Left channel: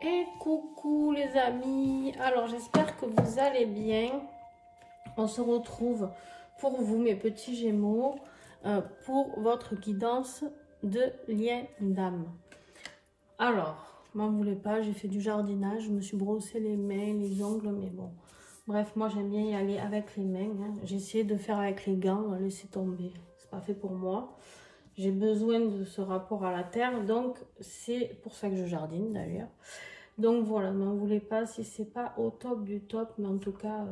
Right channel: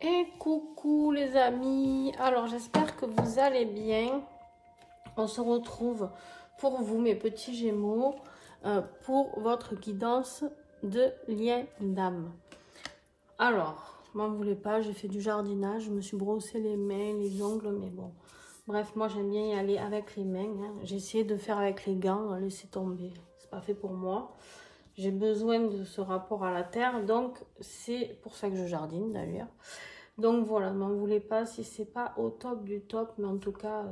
Et coucou les amis, alors j'espère que vous allez bien. On se retrouve pour vous mes petits gémeaux pour votre guidance de lien d'âme. Alors, m'en voulez pas, j'ai fait du jardinage, je me suis brossé les mains, les ongles, mais bon. Bref, moi j'aime bien y aller avec les mains, hein. J'ai essayé de faire avec les gants, laisser tomber, c'est pas fait pour moi. J'ai besoin de ce rapport à la terre, donc c'est pour ça que je jardine d'ailleurs. Donc voilà, n'en voulez pas si c'est pas au top du top, mais en tout cas,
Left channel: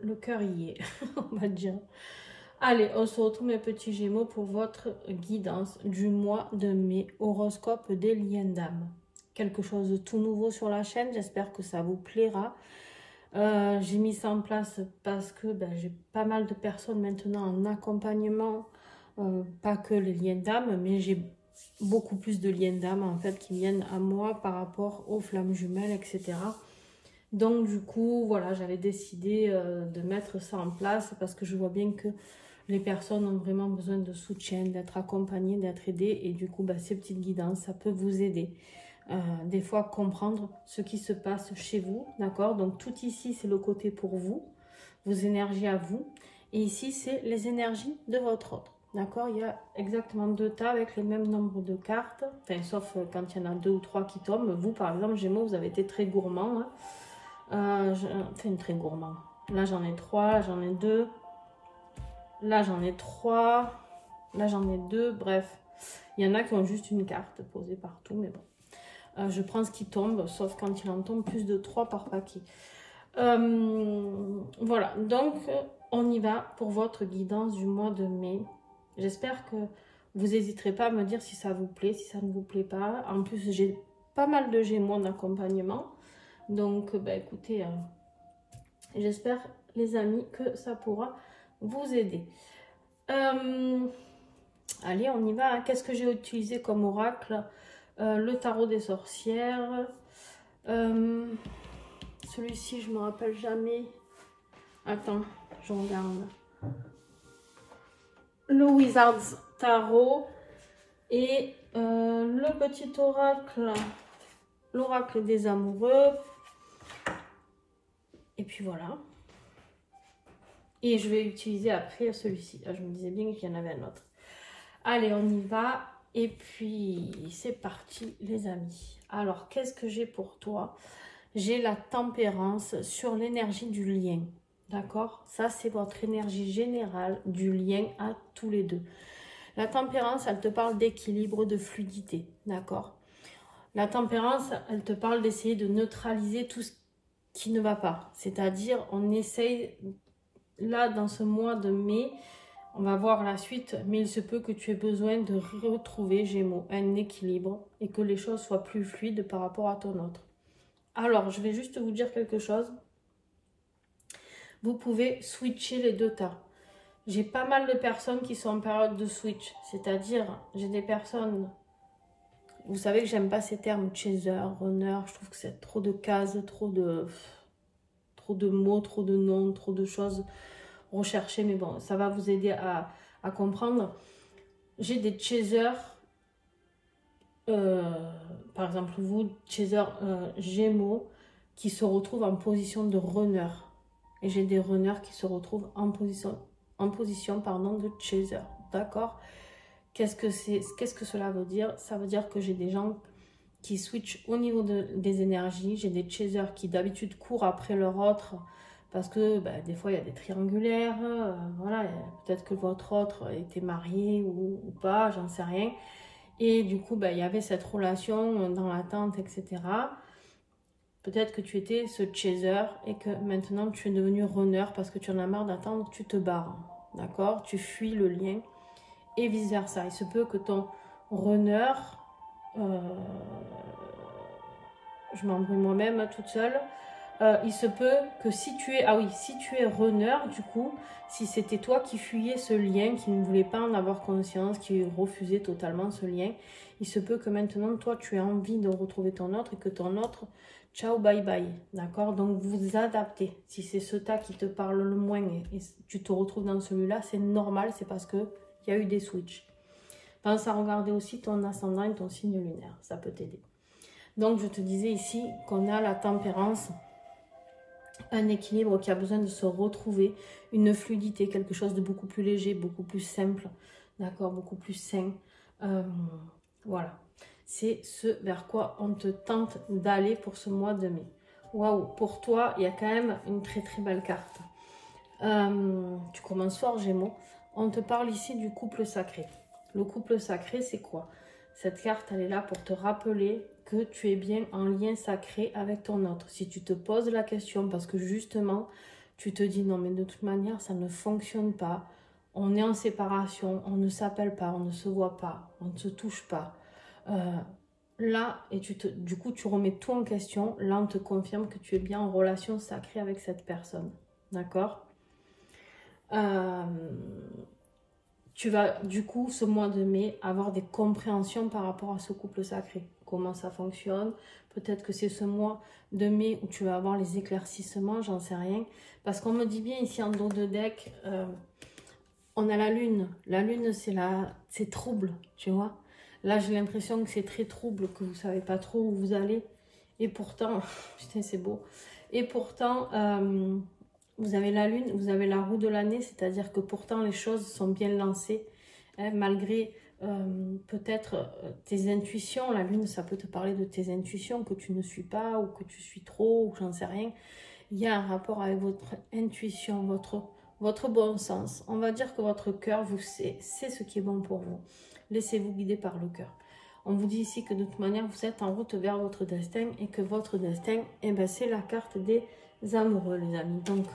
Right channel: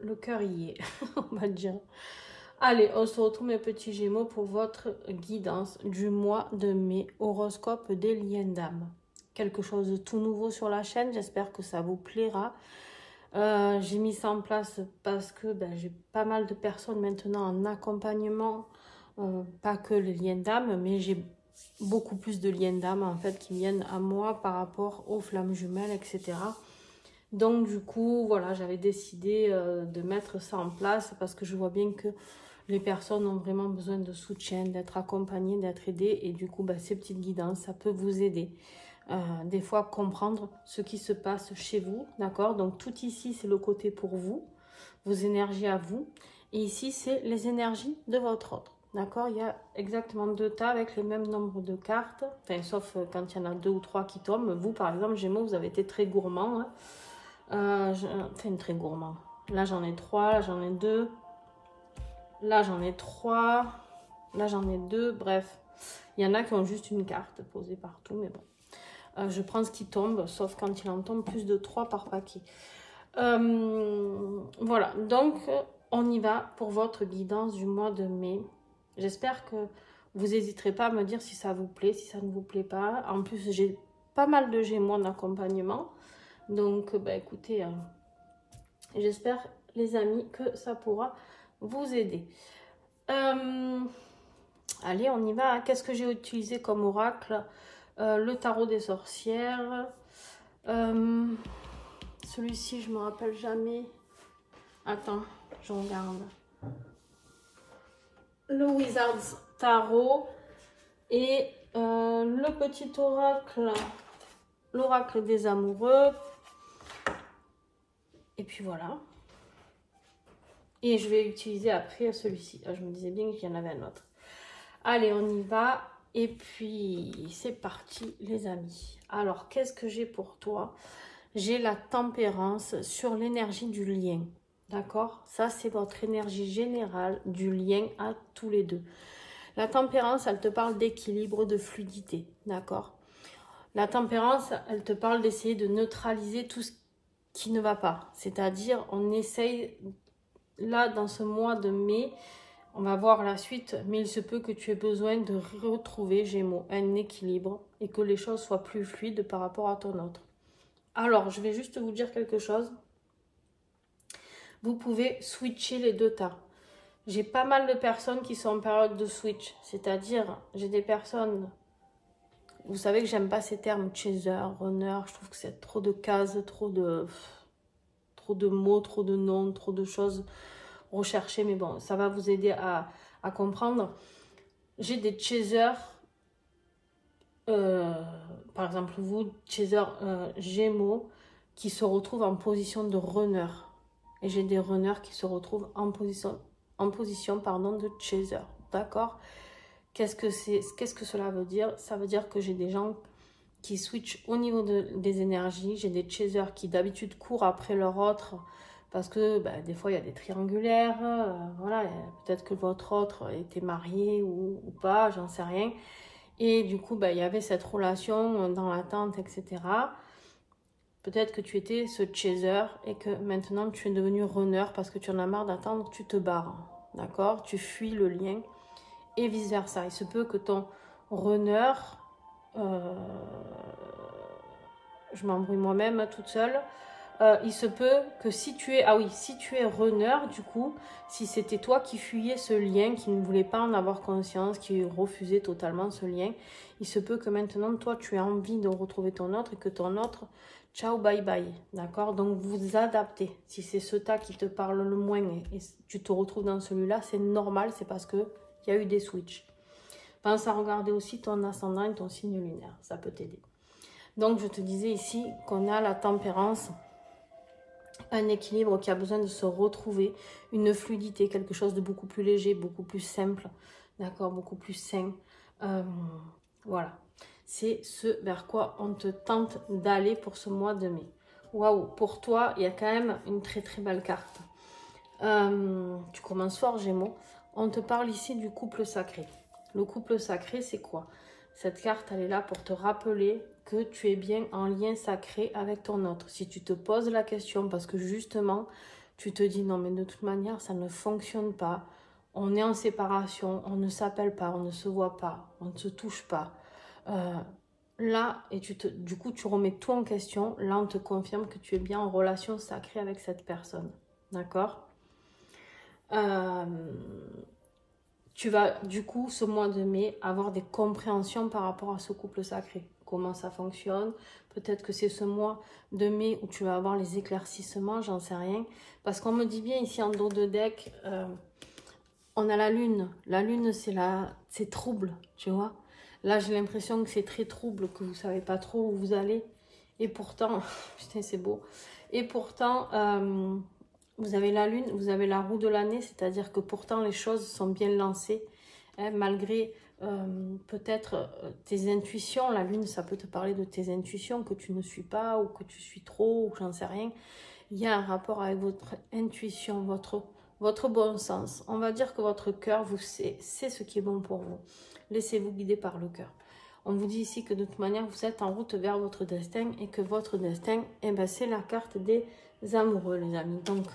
le cœur y est, on va dire. Allez, on se retrouve mes petits gémeaux pour votre guidance du mois de mai, horoscope des liens d'âme. Quelque chose de tout nouveau sur la chaîne, j'espère que ça vous plaira. J'ai mis ça en place parce que j'ai pas mal de personnes maintenant en accompagnement, pas que les liens d'âme, mais j'ai beaucoup plus de liens d'âme en fait qui viennent à moi par rapport aux flammes jumelles, etc. Donc du coup, voilà, j'avais décidé de mettre ça en place parce que je vois bien que les personnes ont vraiment besoin de soutien, d'être accompagnées, d'être aidées. Et du coup, ces petites guidances, ça peut vous aider. Des fois, comprendre ce qui se passe chez vous, d'accord? Donc tout ici, c'est le côté pour vous, vos énergies à vous. Et ici, c'est les énergies de votre autre. D'accord, il y a exactement 2 tas avec le même nombre de cartes. Enfin, sauf quand il y en a 2 ou 3 qui tombent. Vous, par exemple, Gémeaux, vous avez été très gourmand. Hein. Enfin, très gourmand. Là, j'en ai 3. Là, j'en ai 2. Là, j'en ai 3. Là, j'en ai 2. Bref, il y en a qui ont juste une carte posée partout. Mais bon, je prends ce qui tombe. Sauf quand il en tombe plus de 3 par paquet. Voilà. Donc, on y va pour votre guidance du mois de mai. J'espère que vous n'hésiterez pas à me dire si ça vous plaît, si ça ne vous plaît pas. En plus, j'ai pas mal de gémeaux en accompagnement. Donc, écoutez, j'espère, les amis, que ça pourra vous aider. Allez, on y va. Qu'est-ce que j'ai utilisé comme oracle? Le tarot des sorcières. Celui-ci, je ne me rappelle jamais. Attends, je regarde. Le Wizard's Tarot et le petit oracle, l'oracle des amoureux. Et puis voilà. Et je vais utiliser après celui-ci. Je me disais bien qu'il y en avait un autre. Allez, on y va. Et puis, c'est parti, les amis. Alors, qu'est-ce que j'ai pour toi? J'ai la tempérance sur l'énergie du lien. D'accord? Ça, c'est votre énergie générale du lien à tous les deux. La tempérance, elle te parle d'équilibre, de fluidité. D'accord? La tempérance, elle te parle d'essayer de neutraliser tout ce qui ne va pas. C'est-à-dire, on essaye, là, dans ce mois de mai, on va voir la suite, mais il se peut que tu aies besoin de retrouver, Gémeaux, un équilibre et que les choses soient plus fluides par rapport à ton autre. Alors, je vais juste vous dire quelque chose. Vous pouvez switcher les 2 tas. J'ai pas mal de personnes qui sont en période de switch. C'est-à-dire, j'ai des personnes... Vous savez que j'aime pas ces termes chaser, runner. Je trouve que c'est trop de cases, trop de mots, trop de noms, trop de choses recherchées. Mais bon, ça va vous aider à comprendre. J'ai des chasers. Par exemple, vous, chaser Gémeaux, qui se retrouvent en position de runner. Et j'ai des runners qui se retrouvent en position de chaser. D'accord? Qu'est-ce que cela veut dire? Ça veut dire que j'ai des gens qui switchent au niveau des énergies. J'ai des chasers qui d'habitude courent après leur autre parce que des fois il y a des triangulaires. Voilà, peut-être que votre autre était marié ou pas, j'en sais rien. Et du coup, il y avait cette relation dans l'attente, etc. Peut-être que tu étais ce chaser et que maintenant tu es devenu runner parce que tu en as marre d'attendre, tu te barres. D'accord? Tu fuis le lien et vice versa. Il se peut que ton runner, je m'embrouille moi-même toute seule, il se peut que si tu es, si tu es runner, du coup, si c'était toi qui fuyais ce lien, qui ne voulait pas en avoir conscience, qui refusait totalement ce lien, il se peut que maintenant, toi, tu aies envie de retrouver ton autre et que ton autre, ciao, bye bye, d'accord? Donc, vous adaptez. Si c'est ce tas qui te parle le moins et tu te retrouves dans celui-là, c'est normal, c'est parce qu'il y a eu des switches. Pense à regarder aussi ton ascendant et ton signe lunaire, ça peut t'aider. Donc, je te disais ici qu'on a la tempérance, un équilibre qui a besoin de se retrouver, une fluidité, quelque chose de beaucoup plus léger, beaucoup plus simple, d'accord, beaucoup plus sain. Voilà, c'est ce vers quoi on te tente d'aller pour ce mois de mai. Waouh, pour toi, il y a quand même une très très belle carte. Tu commences fort, Gémeaux. On te parle ici du couple sacré. Le couple sacré, c'est quoi? Cette carte, elle est là pour te rappeler que tu es bien en lien sacré avec ton autre. Si tu te poses la question, parce que justement, tu te dis non, mais de toute manière, ça ne fonctionne pas. On est en séparation, on ne s'appelle pas, on ne se voit pas, on ne se touche pas. Là, et du coup, tu remets tout en question. Là, on te confirme que tu es bien en relation sacrée avec cette personne. D'accord? Tu vas, du coup, ce mois de mai, avoir des compréhensions par rapport à ce couple sacré. Comment ça fonctionne. Peut-être que c'est ce mois de mai où tu vas avoir les éclaircissements, j'en sais rien. Parce qu'on me dit bien ici en dos de deck, on a la lune. La lune, c'est trouble, tu vois. Là, j'ai l'impression que c'est très trouble, que vous ne savez pas trop où vous allez. Et pourtant, putain, c'est beau. Et pourtant, vous avez la lune, vous avez la roue de l'année, c'est-à-dire que pourtant, les choses sont bien lancées. Hein, malgré peut-être tes intuitions. La lune, ça peut te parler de tes intuitions, que tu ne suis pas, ou que tu suis trop, ou j'en sais rien. Il y a un rapport avec votre intuition, votre bon sens. On va dire que votre cœur, vous sait ce qui est bon pour vous. Laissez-vous guider par le cœur. On vous dit ici que de toute manière, vous êtes en route vers votre destin et que votre destin, eh ben, c'est la carte des amoureux, les amis. Donc,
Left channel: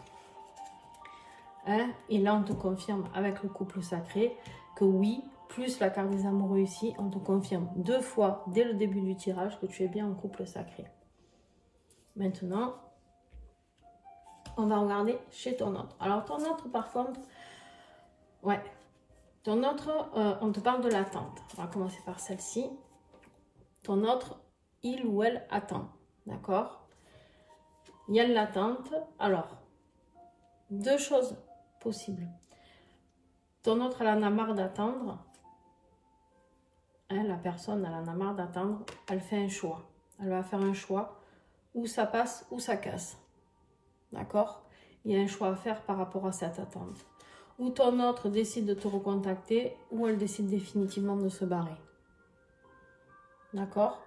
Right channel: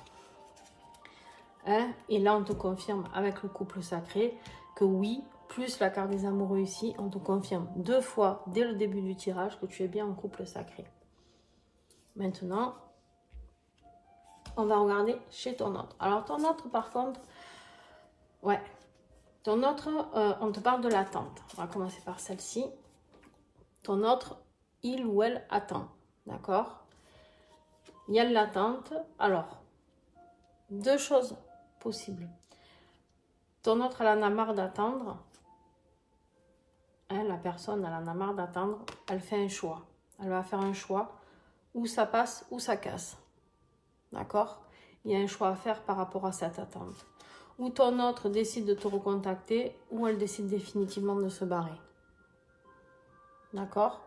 hein, et là, on te confirme avec le couple sacré que oui, plus la carte des amoureux ici, on te confirme 2 fois dès le début du tirage que tu es bien en couple sacré. Maintenant, on va regarder chez ton autre. Alors, ton autre, par contre, ouais. Ton autre, on te parle de l'attente. On va commencer par celle-ci. Ton autre, il ou elle attend. D'accord? Il y a de l'attente. Alors, 2 choses possibles. Ton autre, elle en a marre d'attendre. Hein, la personne, elle en a marre d'attendre. Elle fait un choix. Elle va faire un choix. Ou ça passe, ou ça casse. D'accord? Il y a un choix à faire par rapport à cette attente. Ou ton autre décide de te recontacter, ou elle décide définitivement de se barrer. D'accord?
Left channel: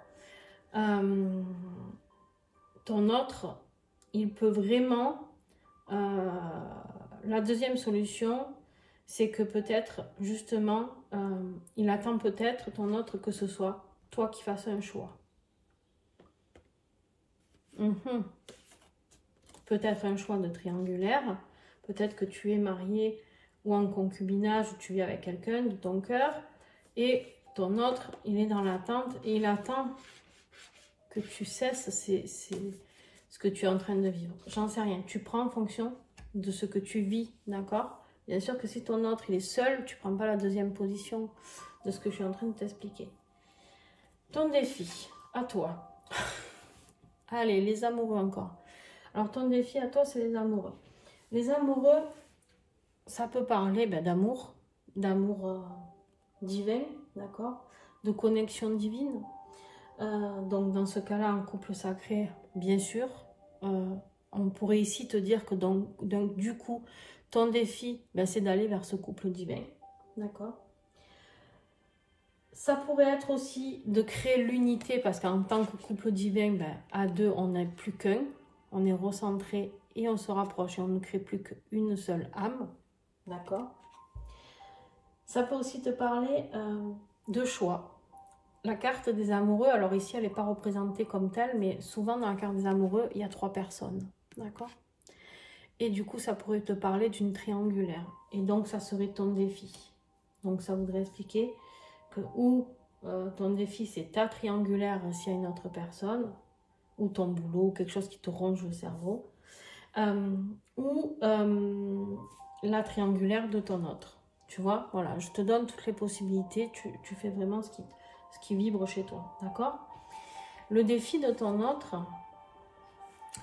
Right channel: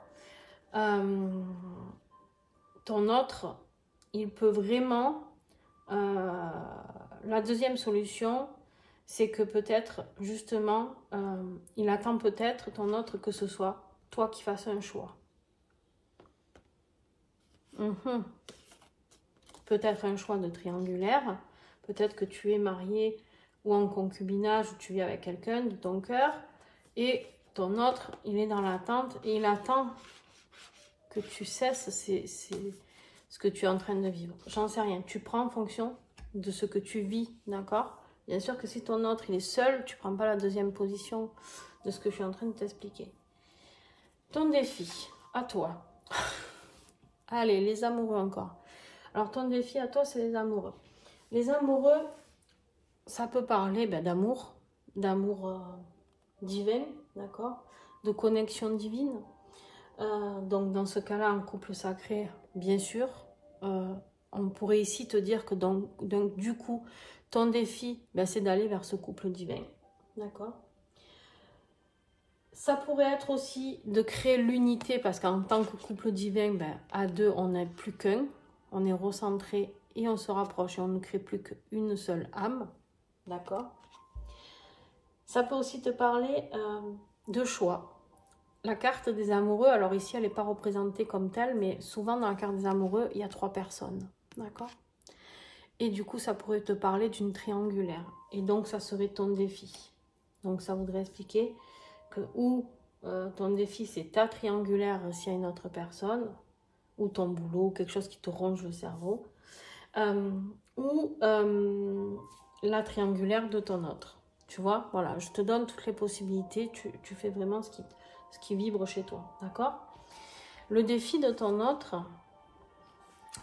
Ton autre, il peut vraiment... la deuxième solution, c'est que peut-être, justement, il attend peut-être, ton autre, que ce soit toi qui fasses un choix. Peut-être un choix de triangulaire, peut-être que tu es marié ou en concubinage, ou tu vis avec quelqu'un de ton cœur, et ton autre, il est dans l'attente, et il attend que tu cesses ce que tu es en train de vivre. J'en sais rien, tu prends en fonction de ce que tu vis, d'accord? Bien sûr que si ton autre, il est seul, tu ne prends pas la deuxième position de ce que je suis en train de t'expliquer. Ton défi, à toi. Allez, les amoureux encore. Alors, ton défi à toi, c'est les amoureux. Les amoureux, ça peut parler d'amour, divin, d'accord, de connexion divine. Donc, dans ce cas-là, un couple sacré, bien sûr. On pourrait ici te dire que donc du coup, ton défi, c'est d'aller vers ce couple divin, d'accord. Ça pourrait être aussi de créer l'unité, parce qu'en tant que couple divin, à 2, on n'est plus qu'un. On est recentré et on se rapproche et on ne crée plus qu'une seule âme. D'accord? Ça peut aussi te parler de choix. La carte des amoureux, alors ici, elle n'est pas représentée comme telle, mais souvent dans la carte des amoureux, il y a 3 personnes. D'accord? Et du coup, ça pourrait te parler d'une triangulaire. Et donc, ça serait ton défi. Donc, ça voudrait expliquer que ou ton défi, c'est ta triangulaire s'il y a une autre personne, ou ton boulot, quelque chose qui te ronge le cerveau, ou la triangulaire de ton autre. Tu vois, voilà, je te donne toutes les possibilités, tu fais vraiment ce qui vibre chez toi, d'accord? Le défi de ton autre,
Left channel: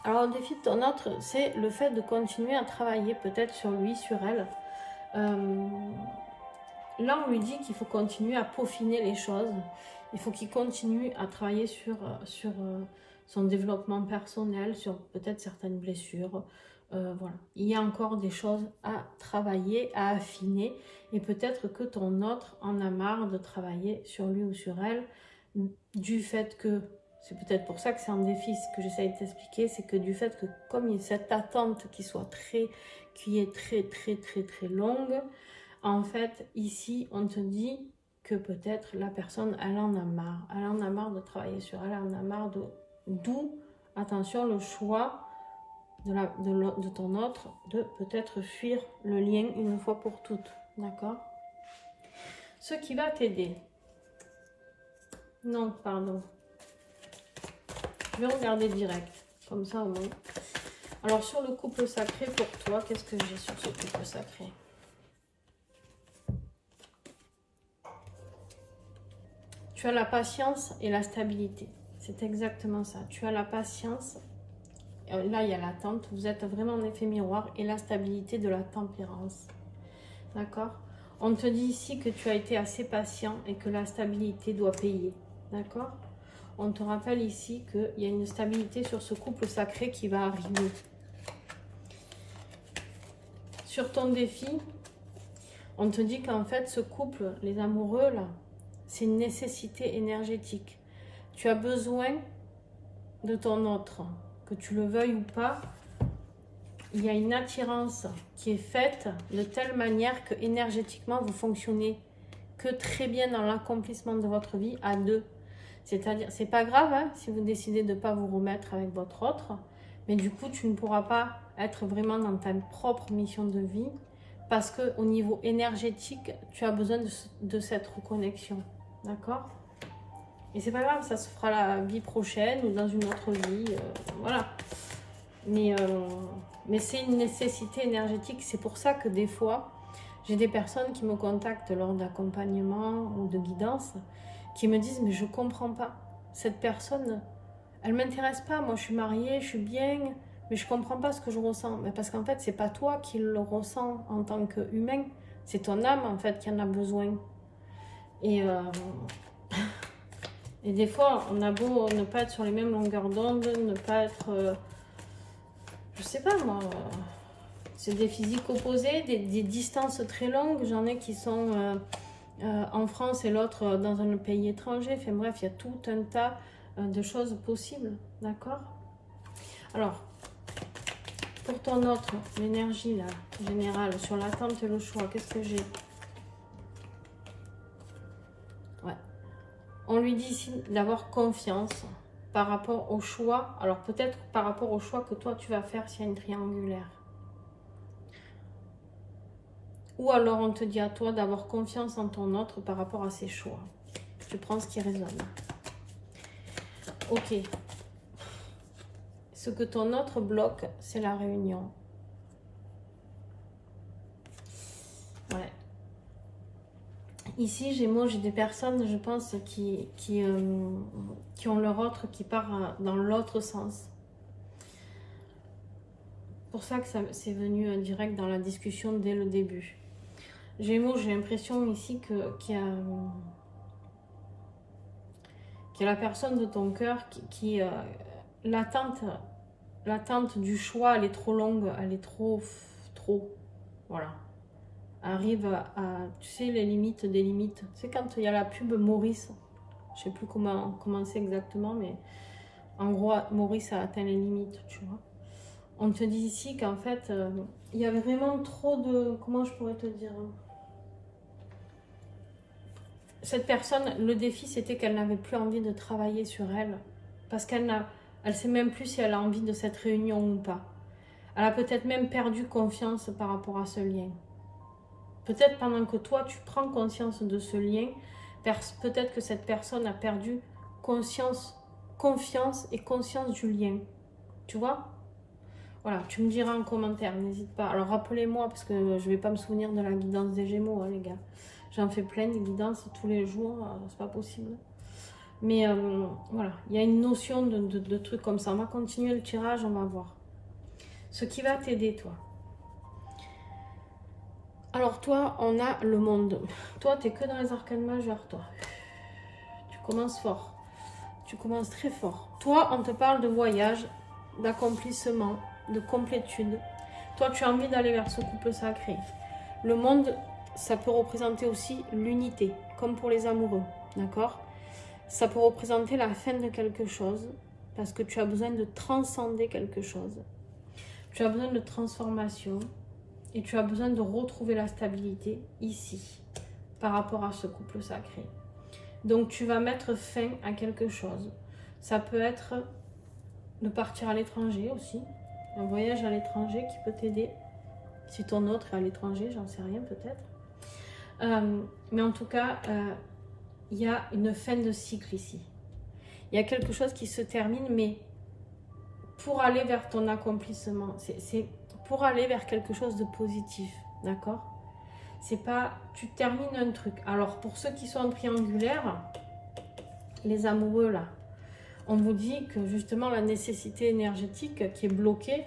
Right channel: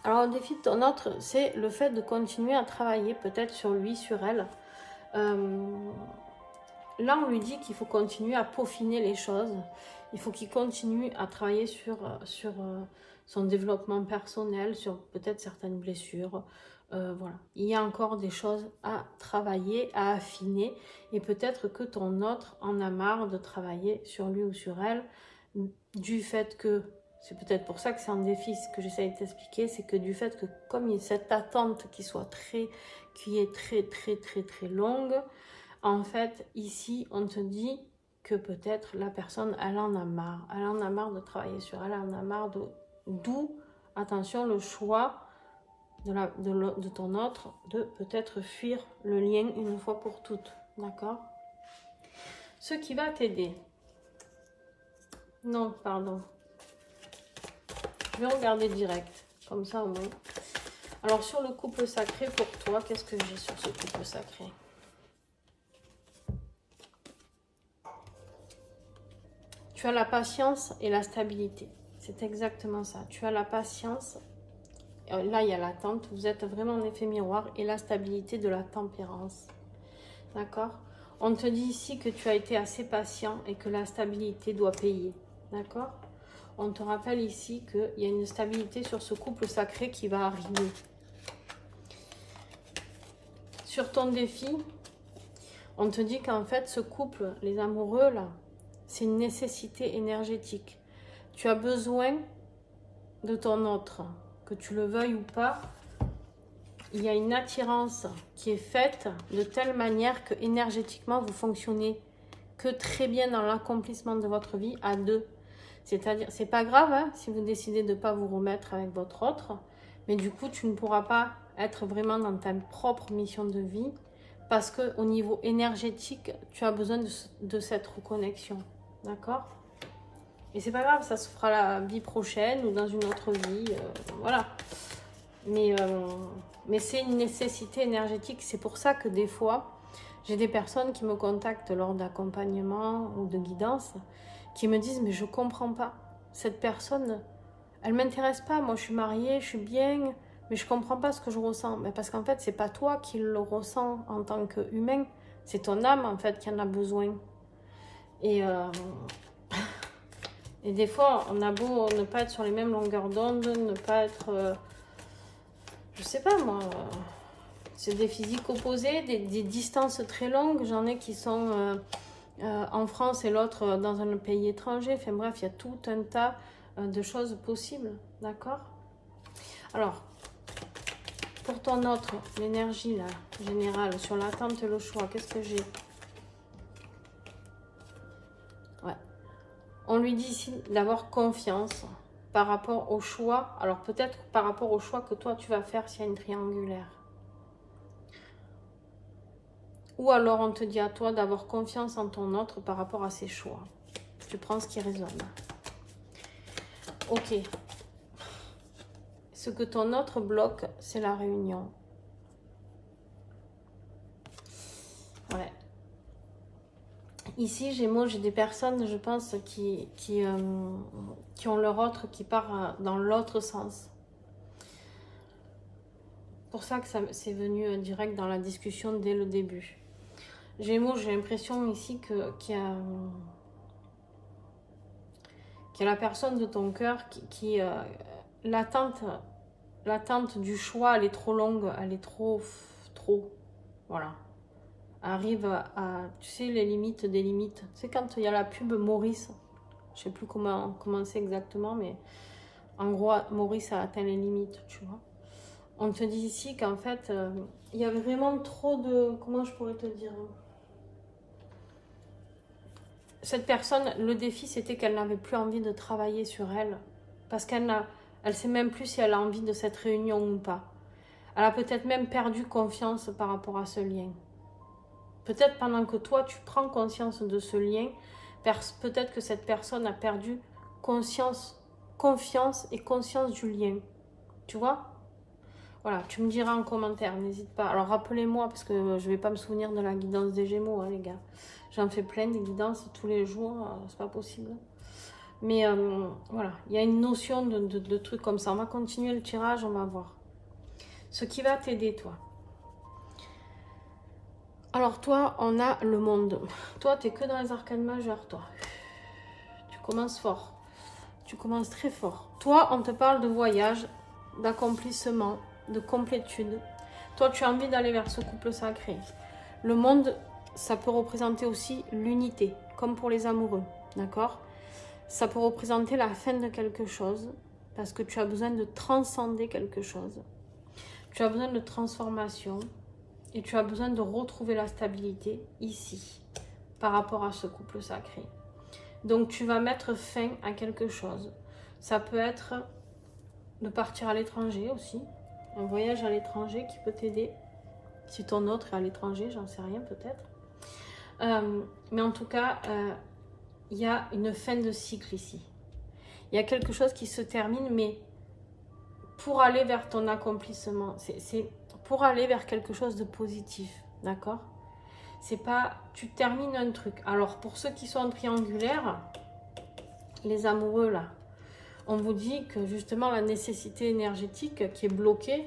alors le défi de ton autre, c'est le fait de continuer à travailler peut-être sur lui, sur elle. Là, on lui dit qu'il faut continuer à peaufiner les choses, Il faut qu'il continue à travailler sur son développement personnel, sur peut-être certaines blessures. Voilà. Il y a encore des choses à travailler, à affiner. Et peut-être que ton autre en a marre de travailler sur lui ou sur elle, du fait que, c'est peut-être pour ça que c'est un défi, ce que j'essaie de t'expliquer, c'est que du fait que comme il y a cette attente qui est très longue, en fait, ici, on te dit que peut-être la personne, elle en a marre. Elle en a marre de travailler sur elle, elle en a marre d'où, attention, le choix de ton autre de peut-être fuir le lien une fois pour toutes. D'accord? Ce qui va t'aider. Non, pardon. Je vais regarder direct. Comme ça, au moins. Alors, sur le couple sacré, pour toi, qu'est-ce que j'ai sur ce couple sacré? Tu as la patience et la stabilité. C'est exactement ça. Tu as la patience. Là, il y a l'attente. Vous êtes vraiment en effet miroir. Et la stabilité de la tempérance. D'accord? On te dit ici que tu as été assez patient et que la stabilité doit payer. D'accord? On te rappelle ici qu'il y a une stabilité sur ce couple sacré qui va arriver. Sur ton défi, on te dit qu'en fait, ce couple, les amoureux, là, c'est une nécessité énergétique. Tu as besoin de ton autre, que tu le veuilles ou pas. Il y a une attirance qui est faite de telle manière que énergétiquement, vous fonctionnez que très bien dans l'accomplissement de votre vie à deux. C'est-à-dire, c'est pas grave hein, si vous décidez de ne pas vous remettre avec votre autre, mais du coup, tu ne pourras pas être vraiment dans ta propre mission de vie parce qu'au niveau énergétique, tu as besoin de cette reconnexion. D'accord? Et c'est pas grave, ça se fera la vie prochaine ou dans une autre vie. Voilà. Mais c'est une nécessité énergétique. C'est pour ça que des fois, j'ai des personnes qui me contactent lors d'accompagnement ou de guidance qui me disent, mais je comprends pas. Cette personne, elle m'intéresse pas. Moi, je suis mariée, je suis bien, mais je comprends pas ce que je ressens. Mais parce qu'en fait, c'est pas toi qui le ressens en tant qu'humain. C'est ton âme, en fait, qui en a besoin. Et des fois, on a beau ne pas être sur les mêmes longueurs d'onde, ne pas être... je sais pas moi, c'est des physiques opposés, des distances très longues. J'en ai qui sont en France et l'autre dans un pays étranger. Enfin bref, il y a tout un tas de choses possibles, d'accord? Alors, pour ton autre, l'énergie là, générale, sur l'attente et le choix, qu'est-ce que j'ai? Ouais. On lui dit ici d'avoir confiance par rapport au choix. Alors peut-être par rapport au choix que toi tu vas faire s'il y a une triangulaire. Ou alors on te dit à toi d'avoir confiance en ton autre par rapport à ses choix. Tu prends ce qui résonne. Ok. Ce que ton autre bloque, c'est la réunion. Ouais. Ici, j'ai des personnes, je pense, qui ont leur autre qui part dans l'autre sens. C'est pour ça que c'est venu direct dans la discussion dès le début. Gémeaux, j'ai l'impression ici qu'il y a la personne de ton cœur qui l'attente du choix, elle est trop longue, elle est trop, voilà. Arrive à, tu sais, les limites des limites. C'est quand il y a la pub Maurice, je sais plus comment c'est exactement, mais en gros, Maurice a atteint les limites, tu vois. On te dit ici qu'en fait, il y avait vraiment trop de, comment je pourrais te dire, cette personne, le défi, c'était qu'elle n'avait plus envie de travailler sur elle. Parce qu'elle sait même plus si elle a envie de cette réunion ou pas. Elle a peut-être même perdu confiance par rapport à ce lien. Peut-être pendant que toi, tu prends conscience de ce lien, peut-être que cette personne a perdu confiance et conscience du lien. Tu vois? Voilà, tu me diras en commentaire, n'hésite pas. Alors rappelez-moi, parce que je ne vais pas me souvenir de la guidance des Gémeaux, hein, les gars. J'en fais plein de guidances tous les jours, c'est pas possible. Mais voilà, il y a une notion de trucs comme ça. On va continuer le tirage, on va voir. Ce qui va t'aider, toi. Alors toi, on a le monde. Toi, tu es que dans les arcanes majeures, toi. Tu Tu commences fort. Tu commences très fort. Toi, on te parle de voyage, d'accomplissement, de complétude. Toi, tu as envie d'aller vers ce couple sacré. Le monde, ça peut représenter aussi l'unité, comme pour les amoureux, d'accord? Ça peut représenter la fin de quelque chose, parce que tu as besoin de transcender quelque chose. Tu as besoin de transformation et tu as besoin de retrouver la stabilité ici, par rapport à ce couple sacré. Donc, tu vas mettre fin à quelque chose. Ça peut être de partir à l'étranger aussi, un voyage à l'étranger qui peut t'aider. Si ton autre est à l'étranger, j'en sais rien peut-être. Mais en tout cas, il y a une fin de cycle ici. Il y a quelque chose qui se termine, mais pour aller vers ton accomplissement, c'est pour aller vers quelque chose de positif, d'accord? C'est pas, tu termines un truc. Alors, pour ceux qui sont en triangulaire, les amoureux là, on vous dit que justement la nécessité énergétique qui est bloquée,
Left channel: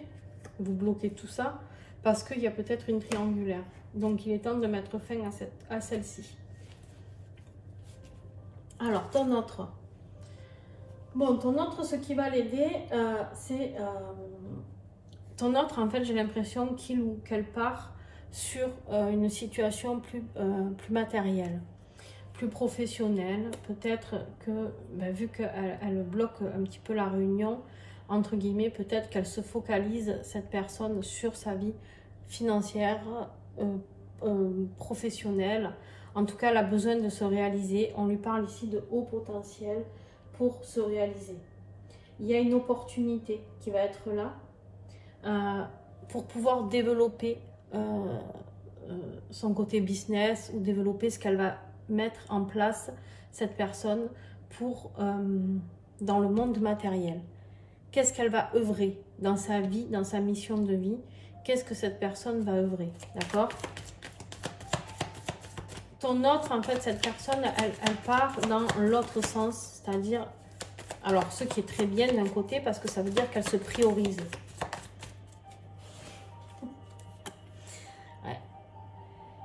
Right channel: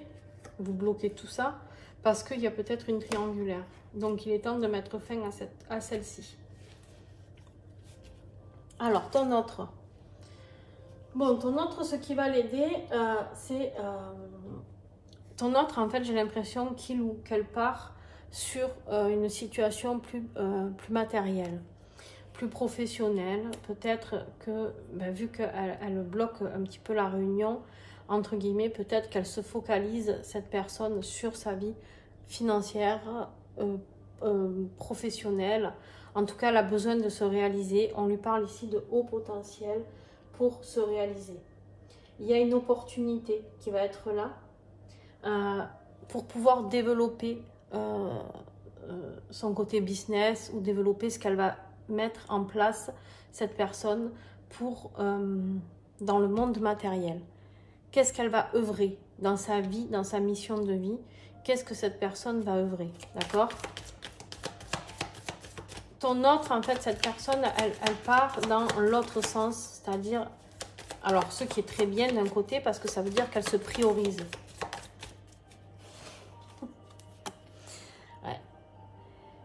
vous bloquez tout ça, parce qu'il y a peut-être une triangulaire. Donc, il est temps de mettre fin à celle-ci. Alors, ton autre. Bon, ton autre, ce qui va l'aider, c'est... ton autre, en fait, j'ai l'impression qu'il ou qu'elle part sur une situation plus matérielle, plus professionnelle. Peut-être que, ben, vu qu'elle bloque un petit peu la réunion, entre guillemets, peut-être qu'elle se focalise, cette personne, sur sa vie financière, professionnelle. En tout cas, elle a besoin de se réaliser. On lui parle ici de haut potentiel pour se réaliser. Il y a une opportunité qui va être là pour pouvoir développer son côté business ou développer ce qu'elle va mettre en place, cette personne, pour dans le monde matériel. Qu'est-ce qu'elle va œuvrer dans sa vie, dans sa mission de vie? Qu'est-ce que cette personne va œuvrer? D'accord? Ton autre, en fait, cette personne, elle part dans l'autre sens, c'est-à-dire, alors, ce qui est très bien d'un côté, parce que ça veut dire qu'elle se priorise. Ouais.